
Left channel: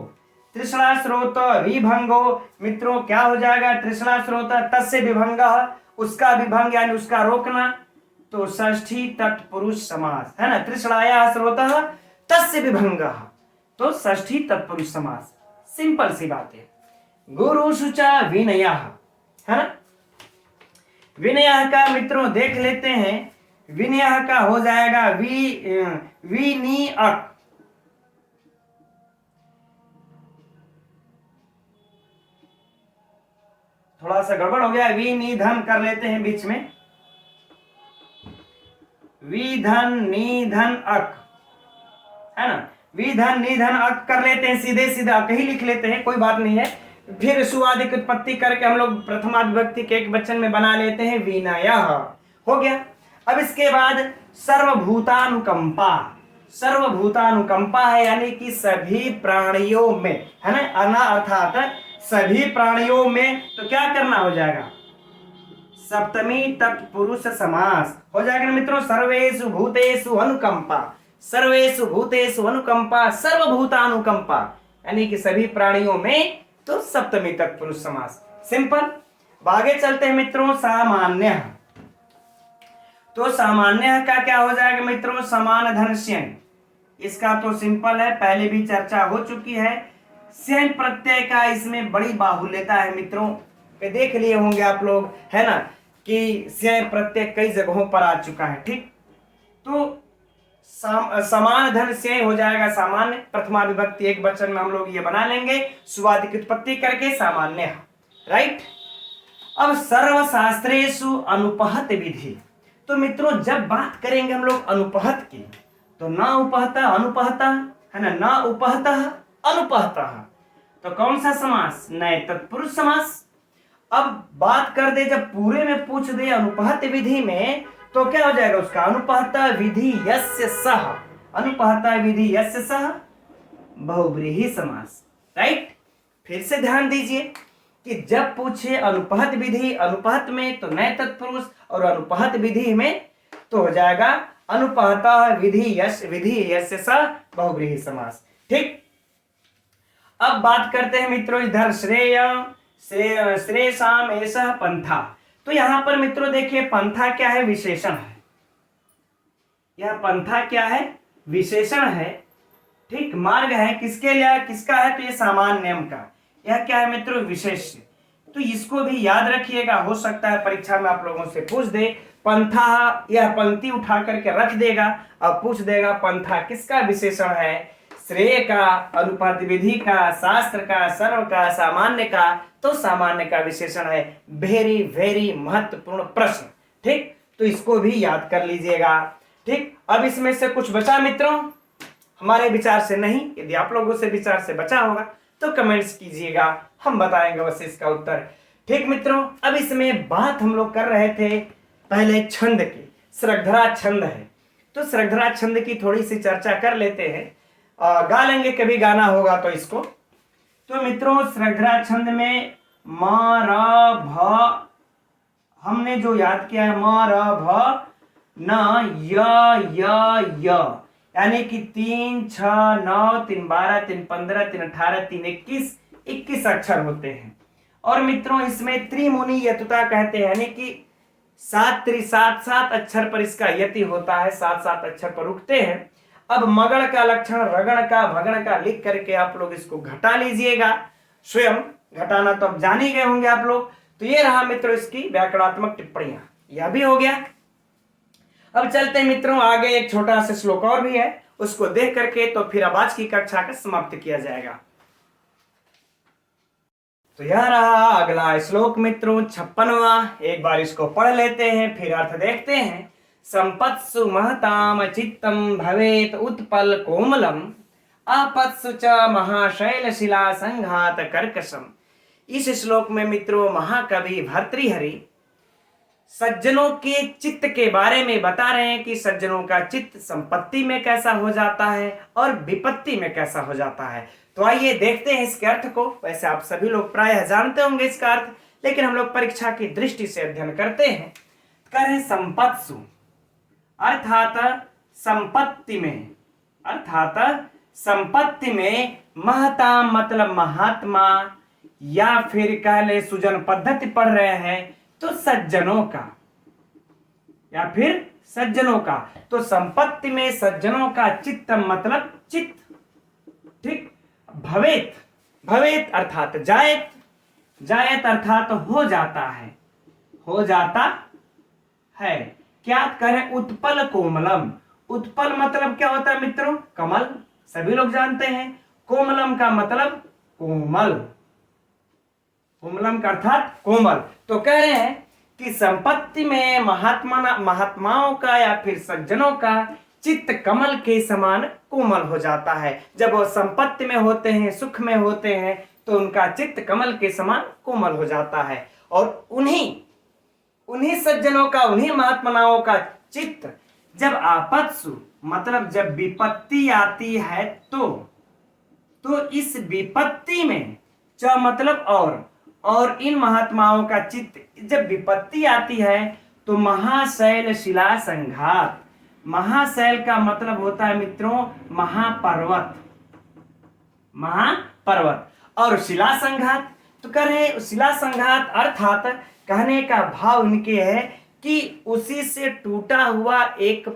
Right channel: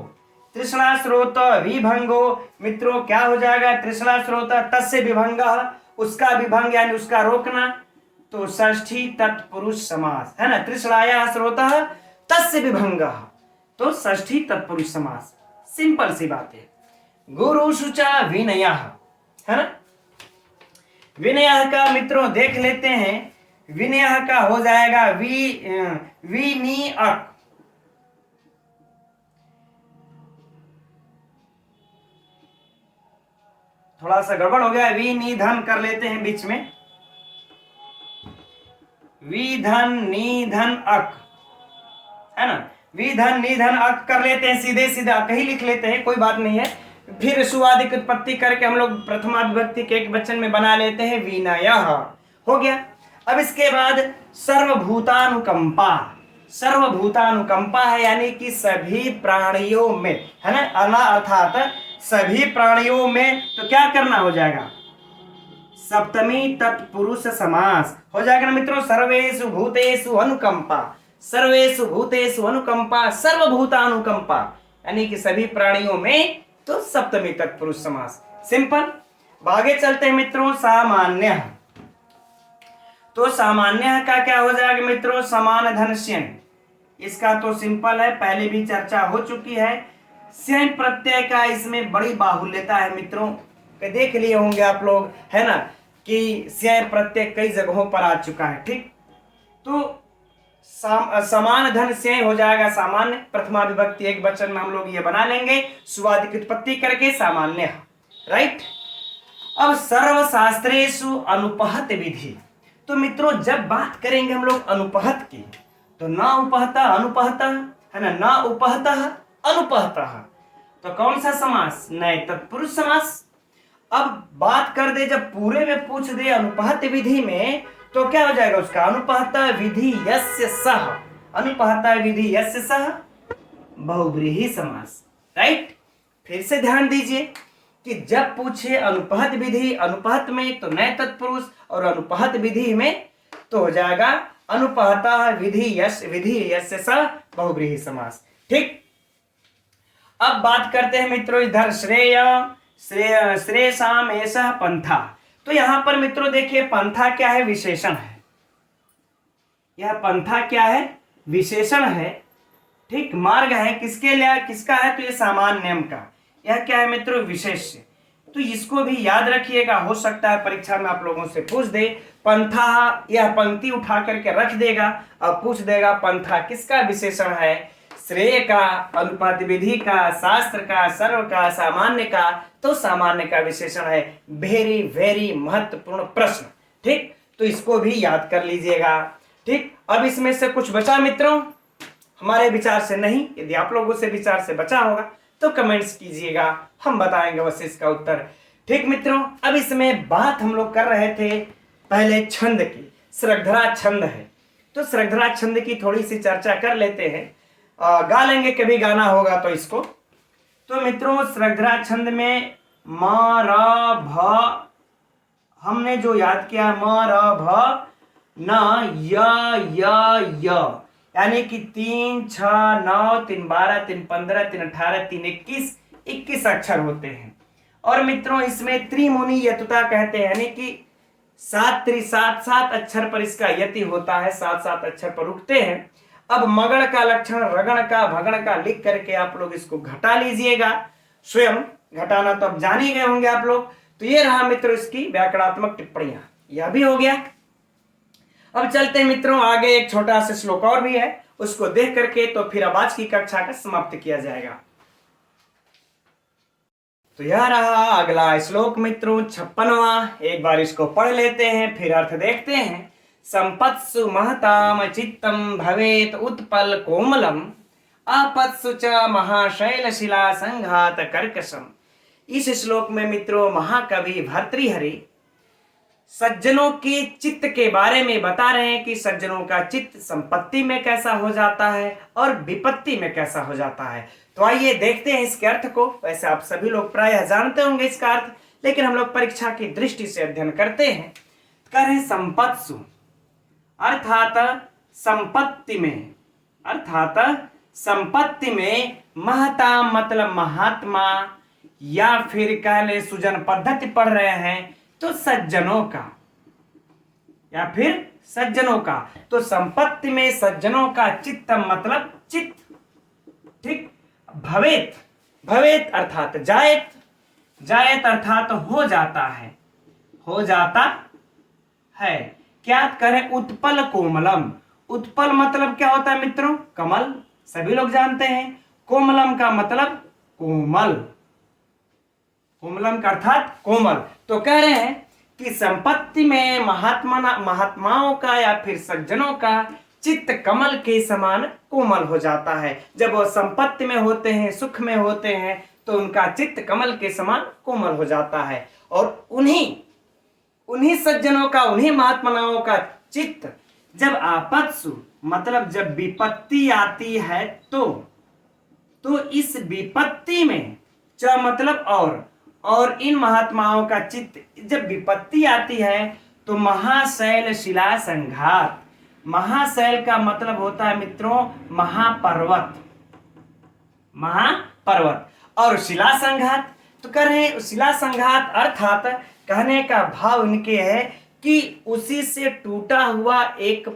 तृष्णा स्रोत विभंगो, मित्रों क्या हो जाएगा, तृष्णा स्रोत तस्य विभंग, उसका विभंग यानी उसका रोकना, तो षष्ठी तत्पुरुष समास है ना। तृष्णाया स्रोत तस्य विभंग, तो षष्ठी तत्पुरुष समास, सिंपल सी बात है। गुरु शुचा विनय है ना, विनय का मित्रों देख लेते हैं, विनय का हो जाएगा विनियक, थोड़ा सा गड़बड़ हो गया, विनिधन कर लेते हैं बीच में, विधन निधन अक है ना, विधन निधन अक कर लेते हैं, सीधे सीधे अक ही लिख लेते हैं, कोई बात नहीं है। फिर सुवादि की उत्पत्ति करके हम लोग प्रथमा विभक्ति के एक वचन में बना लेते हैं विनय, हो गया। अब इसके बाद सर्वभूतानुकंपा, सर्वभूतानुकंपा है यानी कि सभी प्राणियों में, है ना, अना अर्थात सभी प्राणियों में, तो क्या करना हो जाएगा, सप्तमी तत्पुरुष समास हो जाएगा ना मित्रों। सर्वेषु भूतेषु अनुकंपा, सर्वेषु भूतेषु अनुकंपा, सर्वभूतानुकंपा यानी कि सभी प्राणियों में, तो सप्तमी तत्पुरुष समास, सिंपल। आगे चलते हैं मित्रों, सामान्य, तो सामान्य का क्या हो जाएगा मित्रों, समान धन स्यन, इसका तो सिंपल है, पहले भी चर्चा हो चुकी है। स्यन प्रत्यय का इसमें बड़ी बाहुल्यता है मित्रों, देख लिए होंगे आप लोग, है ना, कि स्यन प्रत्यय कई जगहों पर आ चुका है, ठीक। तो समान धन से हो जाएगा सामान्य, प्रथमा विभक्ति एक वचन में हम लोग ये बना लेंगे, सुवादि की उत्पत्ति करके सामान्य, राइट। अब सर्वशास्त्रेषु अनुपहत विधि, तो मित्रों जब बात करेंगे हम लोग अनुपहत की, तो ना उपहता अनुपहता है ना उपहता अनुपहता, तो कौन सा समास? नए तत्पुरुष समास। अब बात कर दे, जब पूरे में पूछ दे अनुपहत विधि में, तो क्या हो जाएगा उसका? अनुपहता विधि यस्य सह, अनुपहता विधि यस्य सह बहुव्रीहि समास। राइट, फिर से ध्यान दीजिए कि जब पूछे अनुपहत विधि, अनुपहत में तो नए तत्पुरुष, और अनुपहत विधि में तो हो जाएगा अनुपहता विधि यस्य सह बहुव्रीहि समास। ठीक, अब बात करते हैं मित्रों इधर श्रेयसाम एषः पंथा। तो यहां पर मित्रों देखिए पंथा क्या है? विशेषण है। यह पंथा क्या है? विशेषण है। ठीक, मार्ग है किसके लिए? किसका है? तो ये सामान्य नियम का। यह क्या है मित्रों? विशेष्य। तो इसको भी याद रखिएगा, हो सकता है परीक्षा में आप लोगों से पूछ दे। पंथा, यह पंक्ति उठा करके रख देगा और पूछ देगा पंथा किसका विशेषण है? श्रेय का, अनुपात विधि का, शास्त्र का, सर्व का, सामान्य का, तो सामान्य का विशेषण है। वेरी वेरी महत्वपूर्ण प्रश्न। ठीक, तो इसको भी याद कर लीजिएगा। ठीक, अब इसमें से कुछ बचा मित्रों? हमारे विचार से नहीं, यदि आप लोगों से विचार से बचा होगा तो कमेंट्स कीजिएगा, हम बताएंगे वैसे इसका उत्तर। ठीक मित्रों, अब इसमें बात हम लोग कर रहे थे पहले छंद की। श्रद्धरा छंद है, तो श्रद्धरा छंद की थोड़ी सी चर्चा कर लेते हैं। गा लेंगे, कभी गाना होगा तो इसको। तो मित्रों श्रद्धरा छंद में म र भ हमने जो याद किया, म र भ न य, यानी कि 3 6 9 3 12 3 15 3 18 3 21 अक्षर होते हैं। और मित्रों इसमें त्रिमुनि यतुता कहते हैं, यानी कि 7 अक्षर पर इसका यति होता है, 7 अक्षर पर रुकते हैं। अब मगण का लक्षण, रगण का, भगण का लिख करके आप लोग इसको घटा लीजिएगा। स्वयं घटाना तो अब जान ही गए होंगे आप लोग। तो ये रहा मित्रों इसकी व्याकरणात्मक टिप्पणियां, यह भी हो गया। अब चलते हैं मित्रों आगे, एक छोटा सा श्लोक और भी है, उसको देख करके तो फिर अब आज की कक्षा का समाप्त किया जाएगा। तो यह रहा अगला श्लोक मित्रों 56वां। एक बार इसको पढ़ लेते हैं, फिर अर्थ देखते हैं। संपत्सु महताम चित्तम भवेत उत्पल कोमलम, आपत्सु च महाशैल शिला संघात कर्कशम। इस श्लोक में मित्रों महाकवि भर्तृहरि सज्जनों के चित्त के बारे में बता रहे हैं कि सज्जनों का चित्त संपत्ति में कैसा हो जाता है और विपत्ति में कैसा हो जाता है। तो आइए देखते हैं इसके अर्थ को। वैसे आप सभी लोग प्रायः जानते होंगे इसका अर्थ, लेकिन हम लोग परीक्षा की दृष्टि से अध्ययन करते हैं। कह रहे हैं संपत्सु, अर्थात संपत्ति में, अर्थात संपत्ति में, महता मतलब महात्मा, या फिर कह ले सुजन पद्धति पढ़ रहे हैं तो सज्जनों का, या फिर सज्जनों का। तो संपत्ति में सज्जनों का चित्तम मतलब चित्त। ठीक, भवेत, भवेत अर्थात जायत, जायत अर्थात हो जाता है, हो जाता है। क्या करें? उत्पल कोमलम, उत्पल मतलब क्या होता है मित्रों? कमल, सभी लोग जानते हैं। कोमलम का मतलब कोमल, कोमलम का अर्थात कोमल। तो कह रहे हैं कि संपत्ति में महात्माओं का या फिर सज्जनों का चित्त कमल के समान कोमल हो जाता है। जब वो संपत्ति में होते हैं, सुख में होते हैं, तो उनका चित्त कमल के समान कोमल हो जाता है। और उन्हीं सज्जनों का, उन्हीं महात्माओं का चित्त जब आपत्सु मतलब जब विपत्ति आती है तो इस विपत्ति में च मतलब और इन महात्माओं का चित्त जब विपत्ति आती है तो महाशैल शिला संघात। महाशैल का मतलब होता है मित्रों महापर्वत, महापर्वत। और शिला संघात तो कह रहे हैं शिला संघात अर्थात कहने का भाव इनके है कि उसी से टूटा हुआ एक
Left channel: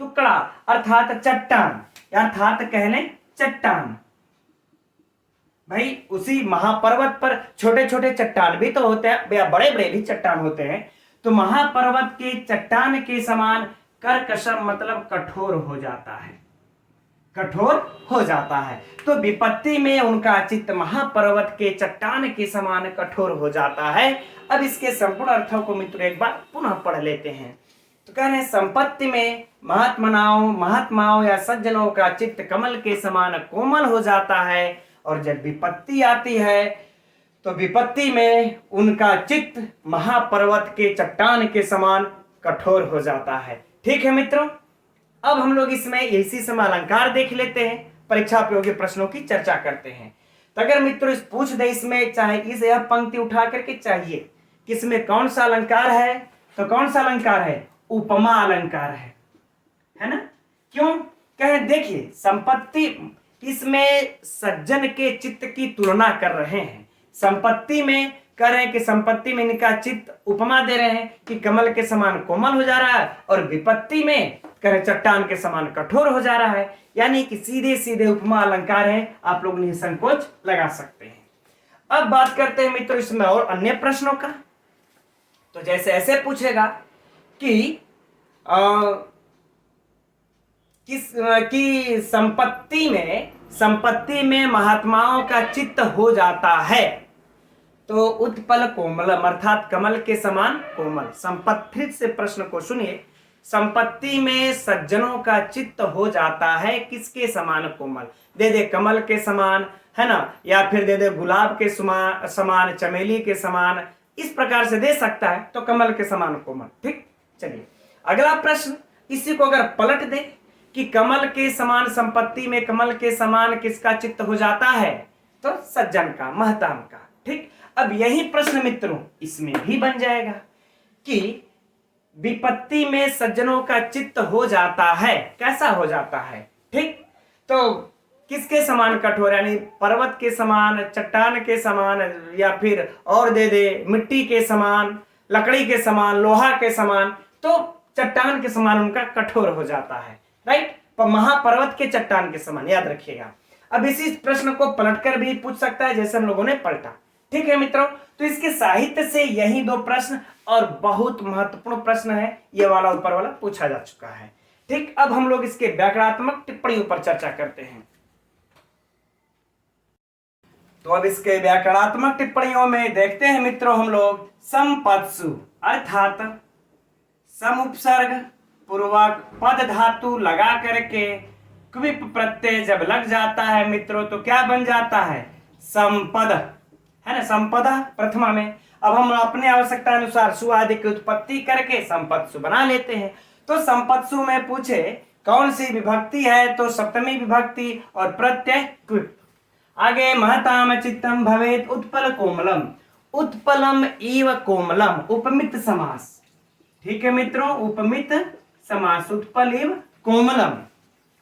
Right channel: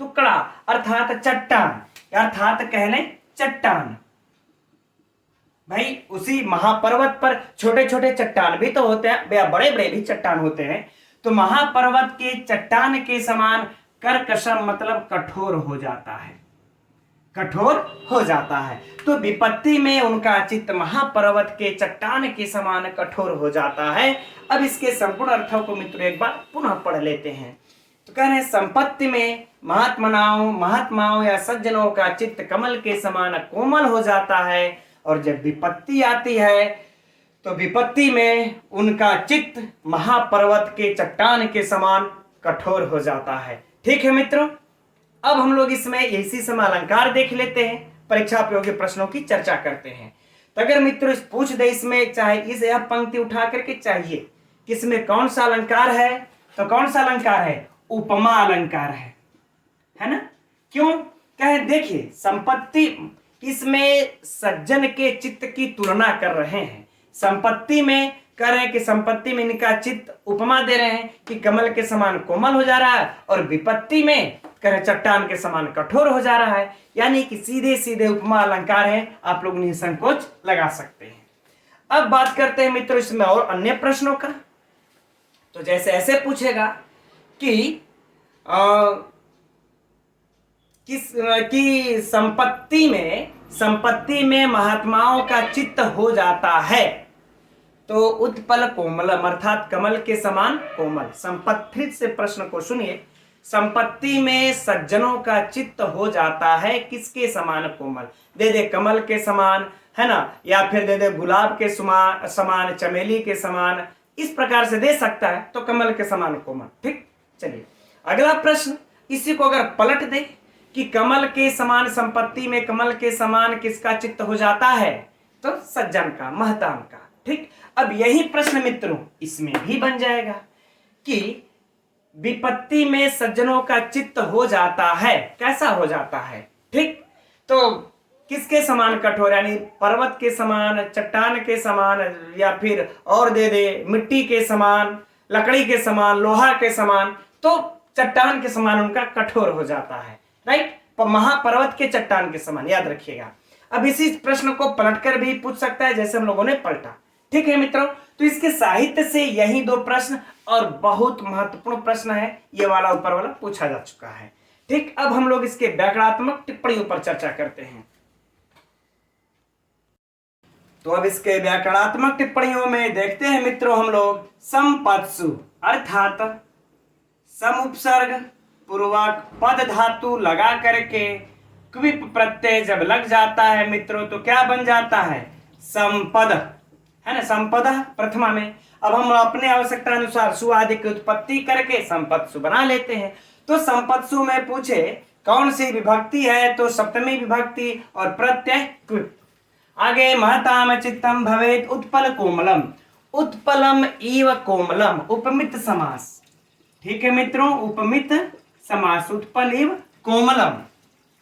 टुकड़ा अर्थात चट्टान, अर्थात कह लें चट्टान। भाई उसी महापर्वत पर छोटे छोटे चट्टान भी तो होते हैं, बड़े बड़े भी चट्टान होते हैं। तो महापर्वत के चट्टान के समान कर्कशम मतलब कठोर हो जाता है, कठोर हो जाता है। तो विपत्ति में उनका चित्त महापर्वत के चट्टान के समान कठोर हो जाता है। अब इसके संपूर्ण अर्थों को मित्रों एक बार पुनः पढ़ लेते हैं। तो कह रहे हैं संपत्ति में महात्माओं या सज्जनों का चित्त कमल के समान कोमल हो जाता है, और जब विपत्ति आती है तो विपत्ति में उनका चित्त महापर्वत के चट्टान के समान कठोर हो जाता है। ठीक है मित्रों, अब हम लोग इसमें इसी समय अलंकार देख लेते हैं, परीक्षा उपयोगी प्रश्नों की चर्चा करते हैं। तो अगर मित्रों इस पूछ दे इसमें चाहे इस यह पंक्ति उठा करके चाहिए कि इसमें कौन सा अलंकार है, तो कौन सा अलंकार है? उपमा अलंकार है ना। क्यों? कहे देखिए संपत्ति, इसमें सज्जन के चित्त की तुलना कर रहे हैं। संपत्ति में कह रहे हैं कि संपत्ति में इनका चित्त उपमा दे रहे हैं कि कमल के समान कोमल हो जा रहा है, और विपत्ति में कह रहे चट्टान के समान कठोर हो जा रहा है। यानी कि सीधे सीधे उपमा अलंकार है, आप लोग निसंकोच लगा सकते हैं। अब बात करते हैं मित्रों इसमें और अन्य प्रश्नों का। तो जैसे ऐसे पूछेगा कि कि संपत्ति में महात्माओं का चित्त हो जाता है, तो उत्पल कोमलम अर्थात कमल के समान कोमल। संपत्ति से प्रश्न को सुनिए। संपत्ति में सज्जनों का चित्त हो जाता है किसके समान? कोमल। दे दे कमल के समान, है ना, या फिर दे दे गुलाब के समान, चमेली के समान, इस प्रकार से दे सकता है, तो कमल के समान कोमल। ठीक, चलिए अगला प्रश्न इसी को अगर पलट दे कि कमल के समान संपत्ति में कमल के समान किसका चित्त हो जाता है, तो सज्जन का, महताम का। ठीक, अब यही प्रश्न मित्रों इसमें भी बन जाएगा कि विपत्ति में सज्जनों का चित्त हो जाता है, कैसा हो जाता है? ठीक, तो किसके समान कठोर, यानी पर्वत के समान, चट्टान के समान, या फिर और दे दे मिट्टी के समान, लकड़ी के समान, लोहा के समान, तो चट्टान के समान उनका कठोर हो जाता है। राइट, तो महापर्वत के चट्टान के समान, याद रखिएगा। अब इसी प्रश्न को पलटकर भी पूछ सकता है जैसे हम लोगों ने पलटा। ठीक है मित्रों, तो इसके साहित्य से यही दो प्रश्न और बहुत महत्वपूर्ण प्रश्न है, ये वाला ऊपर वाला पूछा जा चुका है। ठीक, अब हम लोग इसके व्याकरणात्मक टिप्पणियों पर चर्चा करते हैं। तो अब इसके व्याकरणात्मक टिप्पणियों में देखते हैं मित्रों हम लोग संपत्सु अर्थात सम उपसर्ग पूर्वक पद धातु लगा करके क्विप प्रत्यय जब लग जाता है मित्रों तो क्या बन जाता है? संपद, है ना, संपदा प्रथमा में। अब हम अपने आवश्यकता अनुसार सु आदि की उत्पत्ति करके संपत्सु बना लेते हैं। तो संपत्सु में पूछे कौन सी विभक्ति है, तो सप्तमी विभक्ति और प्रत्यय क्विप। आगे महताम चित्तम भवेत उत्पल कोमलम, उत्पलम इव कोमलम, उपमित समास। ठीक है मित्रों, उपमित समास, उत्पल इव कोमलम,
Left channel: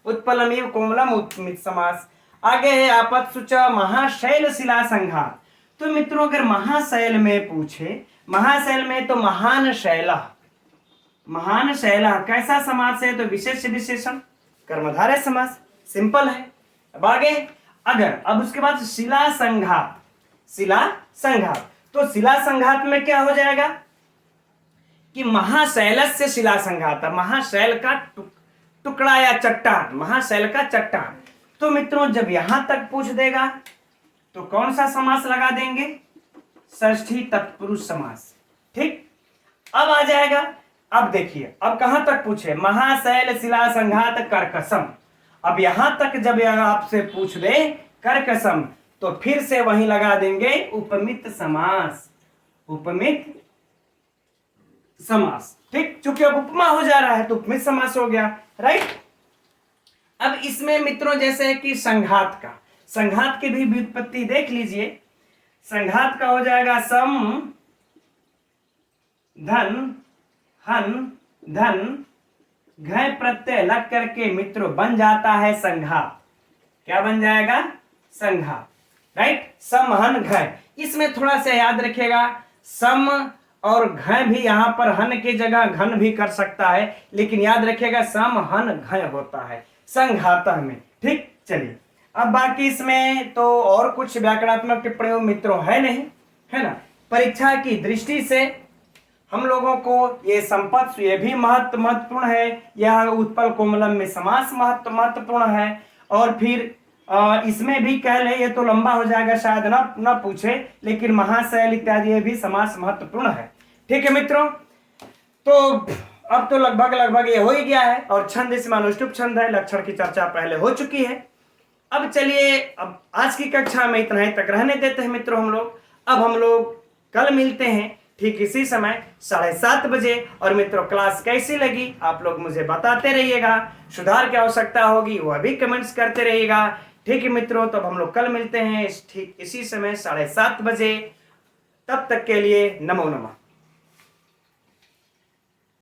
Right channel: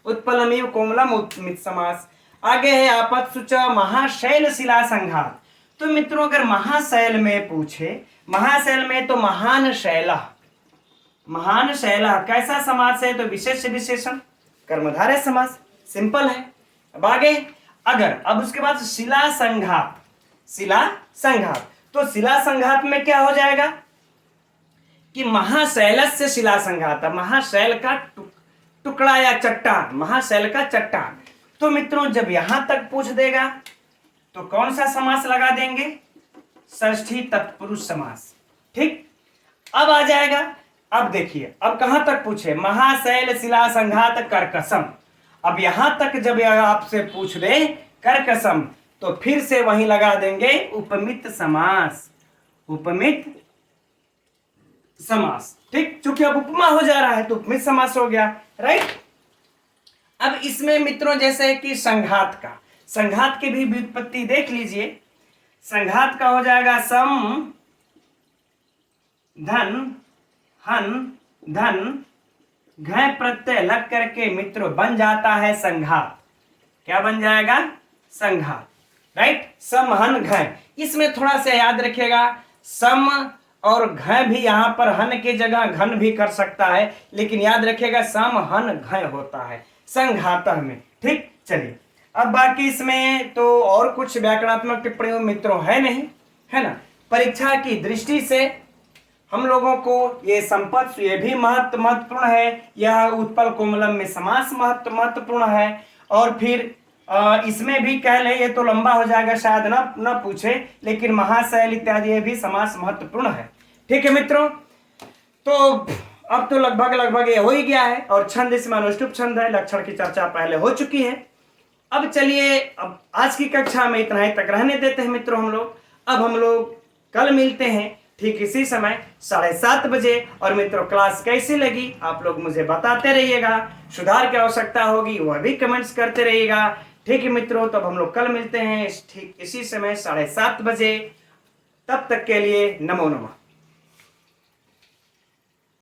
उत्पलम इव कोमलम, उपमित समास। आगे है आपत्सुच महाशैल शिला संघात। तो मित्रों अगर महाशैल में पूछे, महाशैल में तो महान शैला, महान शैला कैसा समास है? तो विशेष विशेषण कर्मधारय समास, सिंपल है। अब आगे अगर अब उसके बाद शिला संघात, शिला संघात, तो शिला संघात में क्या हो जाएगा कि महाशैलस्य शिला संघात, महाशैल का टुकड़ा या चट्टान, महाशैल का चट्टान। तो मित्रों जब यहां तक पूछ देगा तो कौन सा समास लगा देंगे? षष्ठी तत्पुरुष समास। ठीक, अब आ जाएगा, अब देखिए अब कहां तक पूछे? महाशैल शिला संघात कर्कशम। अब यहां तक जब आपसे पूछ दे कर्कशम तो फिर से वहीं लगा देंगे उपमित समास, उपमित समास। ठीक, चूंकि अब उपमा हो जा रहा है तो उपमित समास हो गया। राइट, अब इसमें मित्रों जैसे कि संघात का, संघात की भी व्युत्पत्ति देख लीजिए। संघात का हो जाएगा सम धन हन धन घय प्रत्यय लग करके मित्रों बन जाता है संघात। क्या बन जाएगा? संघात। राइट, सम हन घय। इसमें थोड़ा सा याद रखिएगा, सम और घय भी यहां पर हन के जगह घन भी कर सकता है, लेकिन याद रखिएगा सम हन घय होता है संघात में। ठीक, चलिए अब बाकी इसमें तो और कुछ व्याकरणात्मक टिप्पणियों मित्रों है नहीं, है ना। परीक्षा की दृष्टि से हम लोगों को ये संपत्ति ये भी महत्वपूर्ण है, यह उत्पल कोमलम में समास महत्वपूर्ण है, और फिर इसमें भी कह ले, ये तो लंबा हो जाएगा शायद न पूछे, लेकिन महाशैल इत्यादि ये भी समास महत्वपूर्ण है। ठीक है मित्रों, तो अब तो लगभग ये हो ही गया है और छंद इसमें अनुष्टुप छंद है, लक्षण की चर्चा पहले हो चुकी है। अब चलिए अब आज की कक्षा में इतना ही तक रहने देते हैं मित्रों हम लोग। अब हम लोग कल मिलते हैं ठीक इसी समय 7:30 बजे। और मित्रों क्लास कैसी लगी आप लोग मुझे बताते रहिएगा, सुधार की आवश्यकता होगी वह भी कमेंट्स करते रहिएगा। ठीक है मित्रों, तो अब हम लोग कल मिलते हैं ठीक इसी समय 7:30 बजे। तब तक के लिए नमो नमः।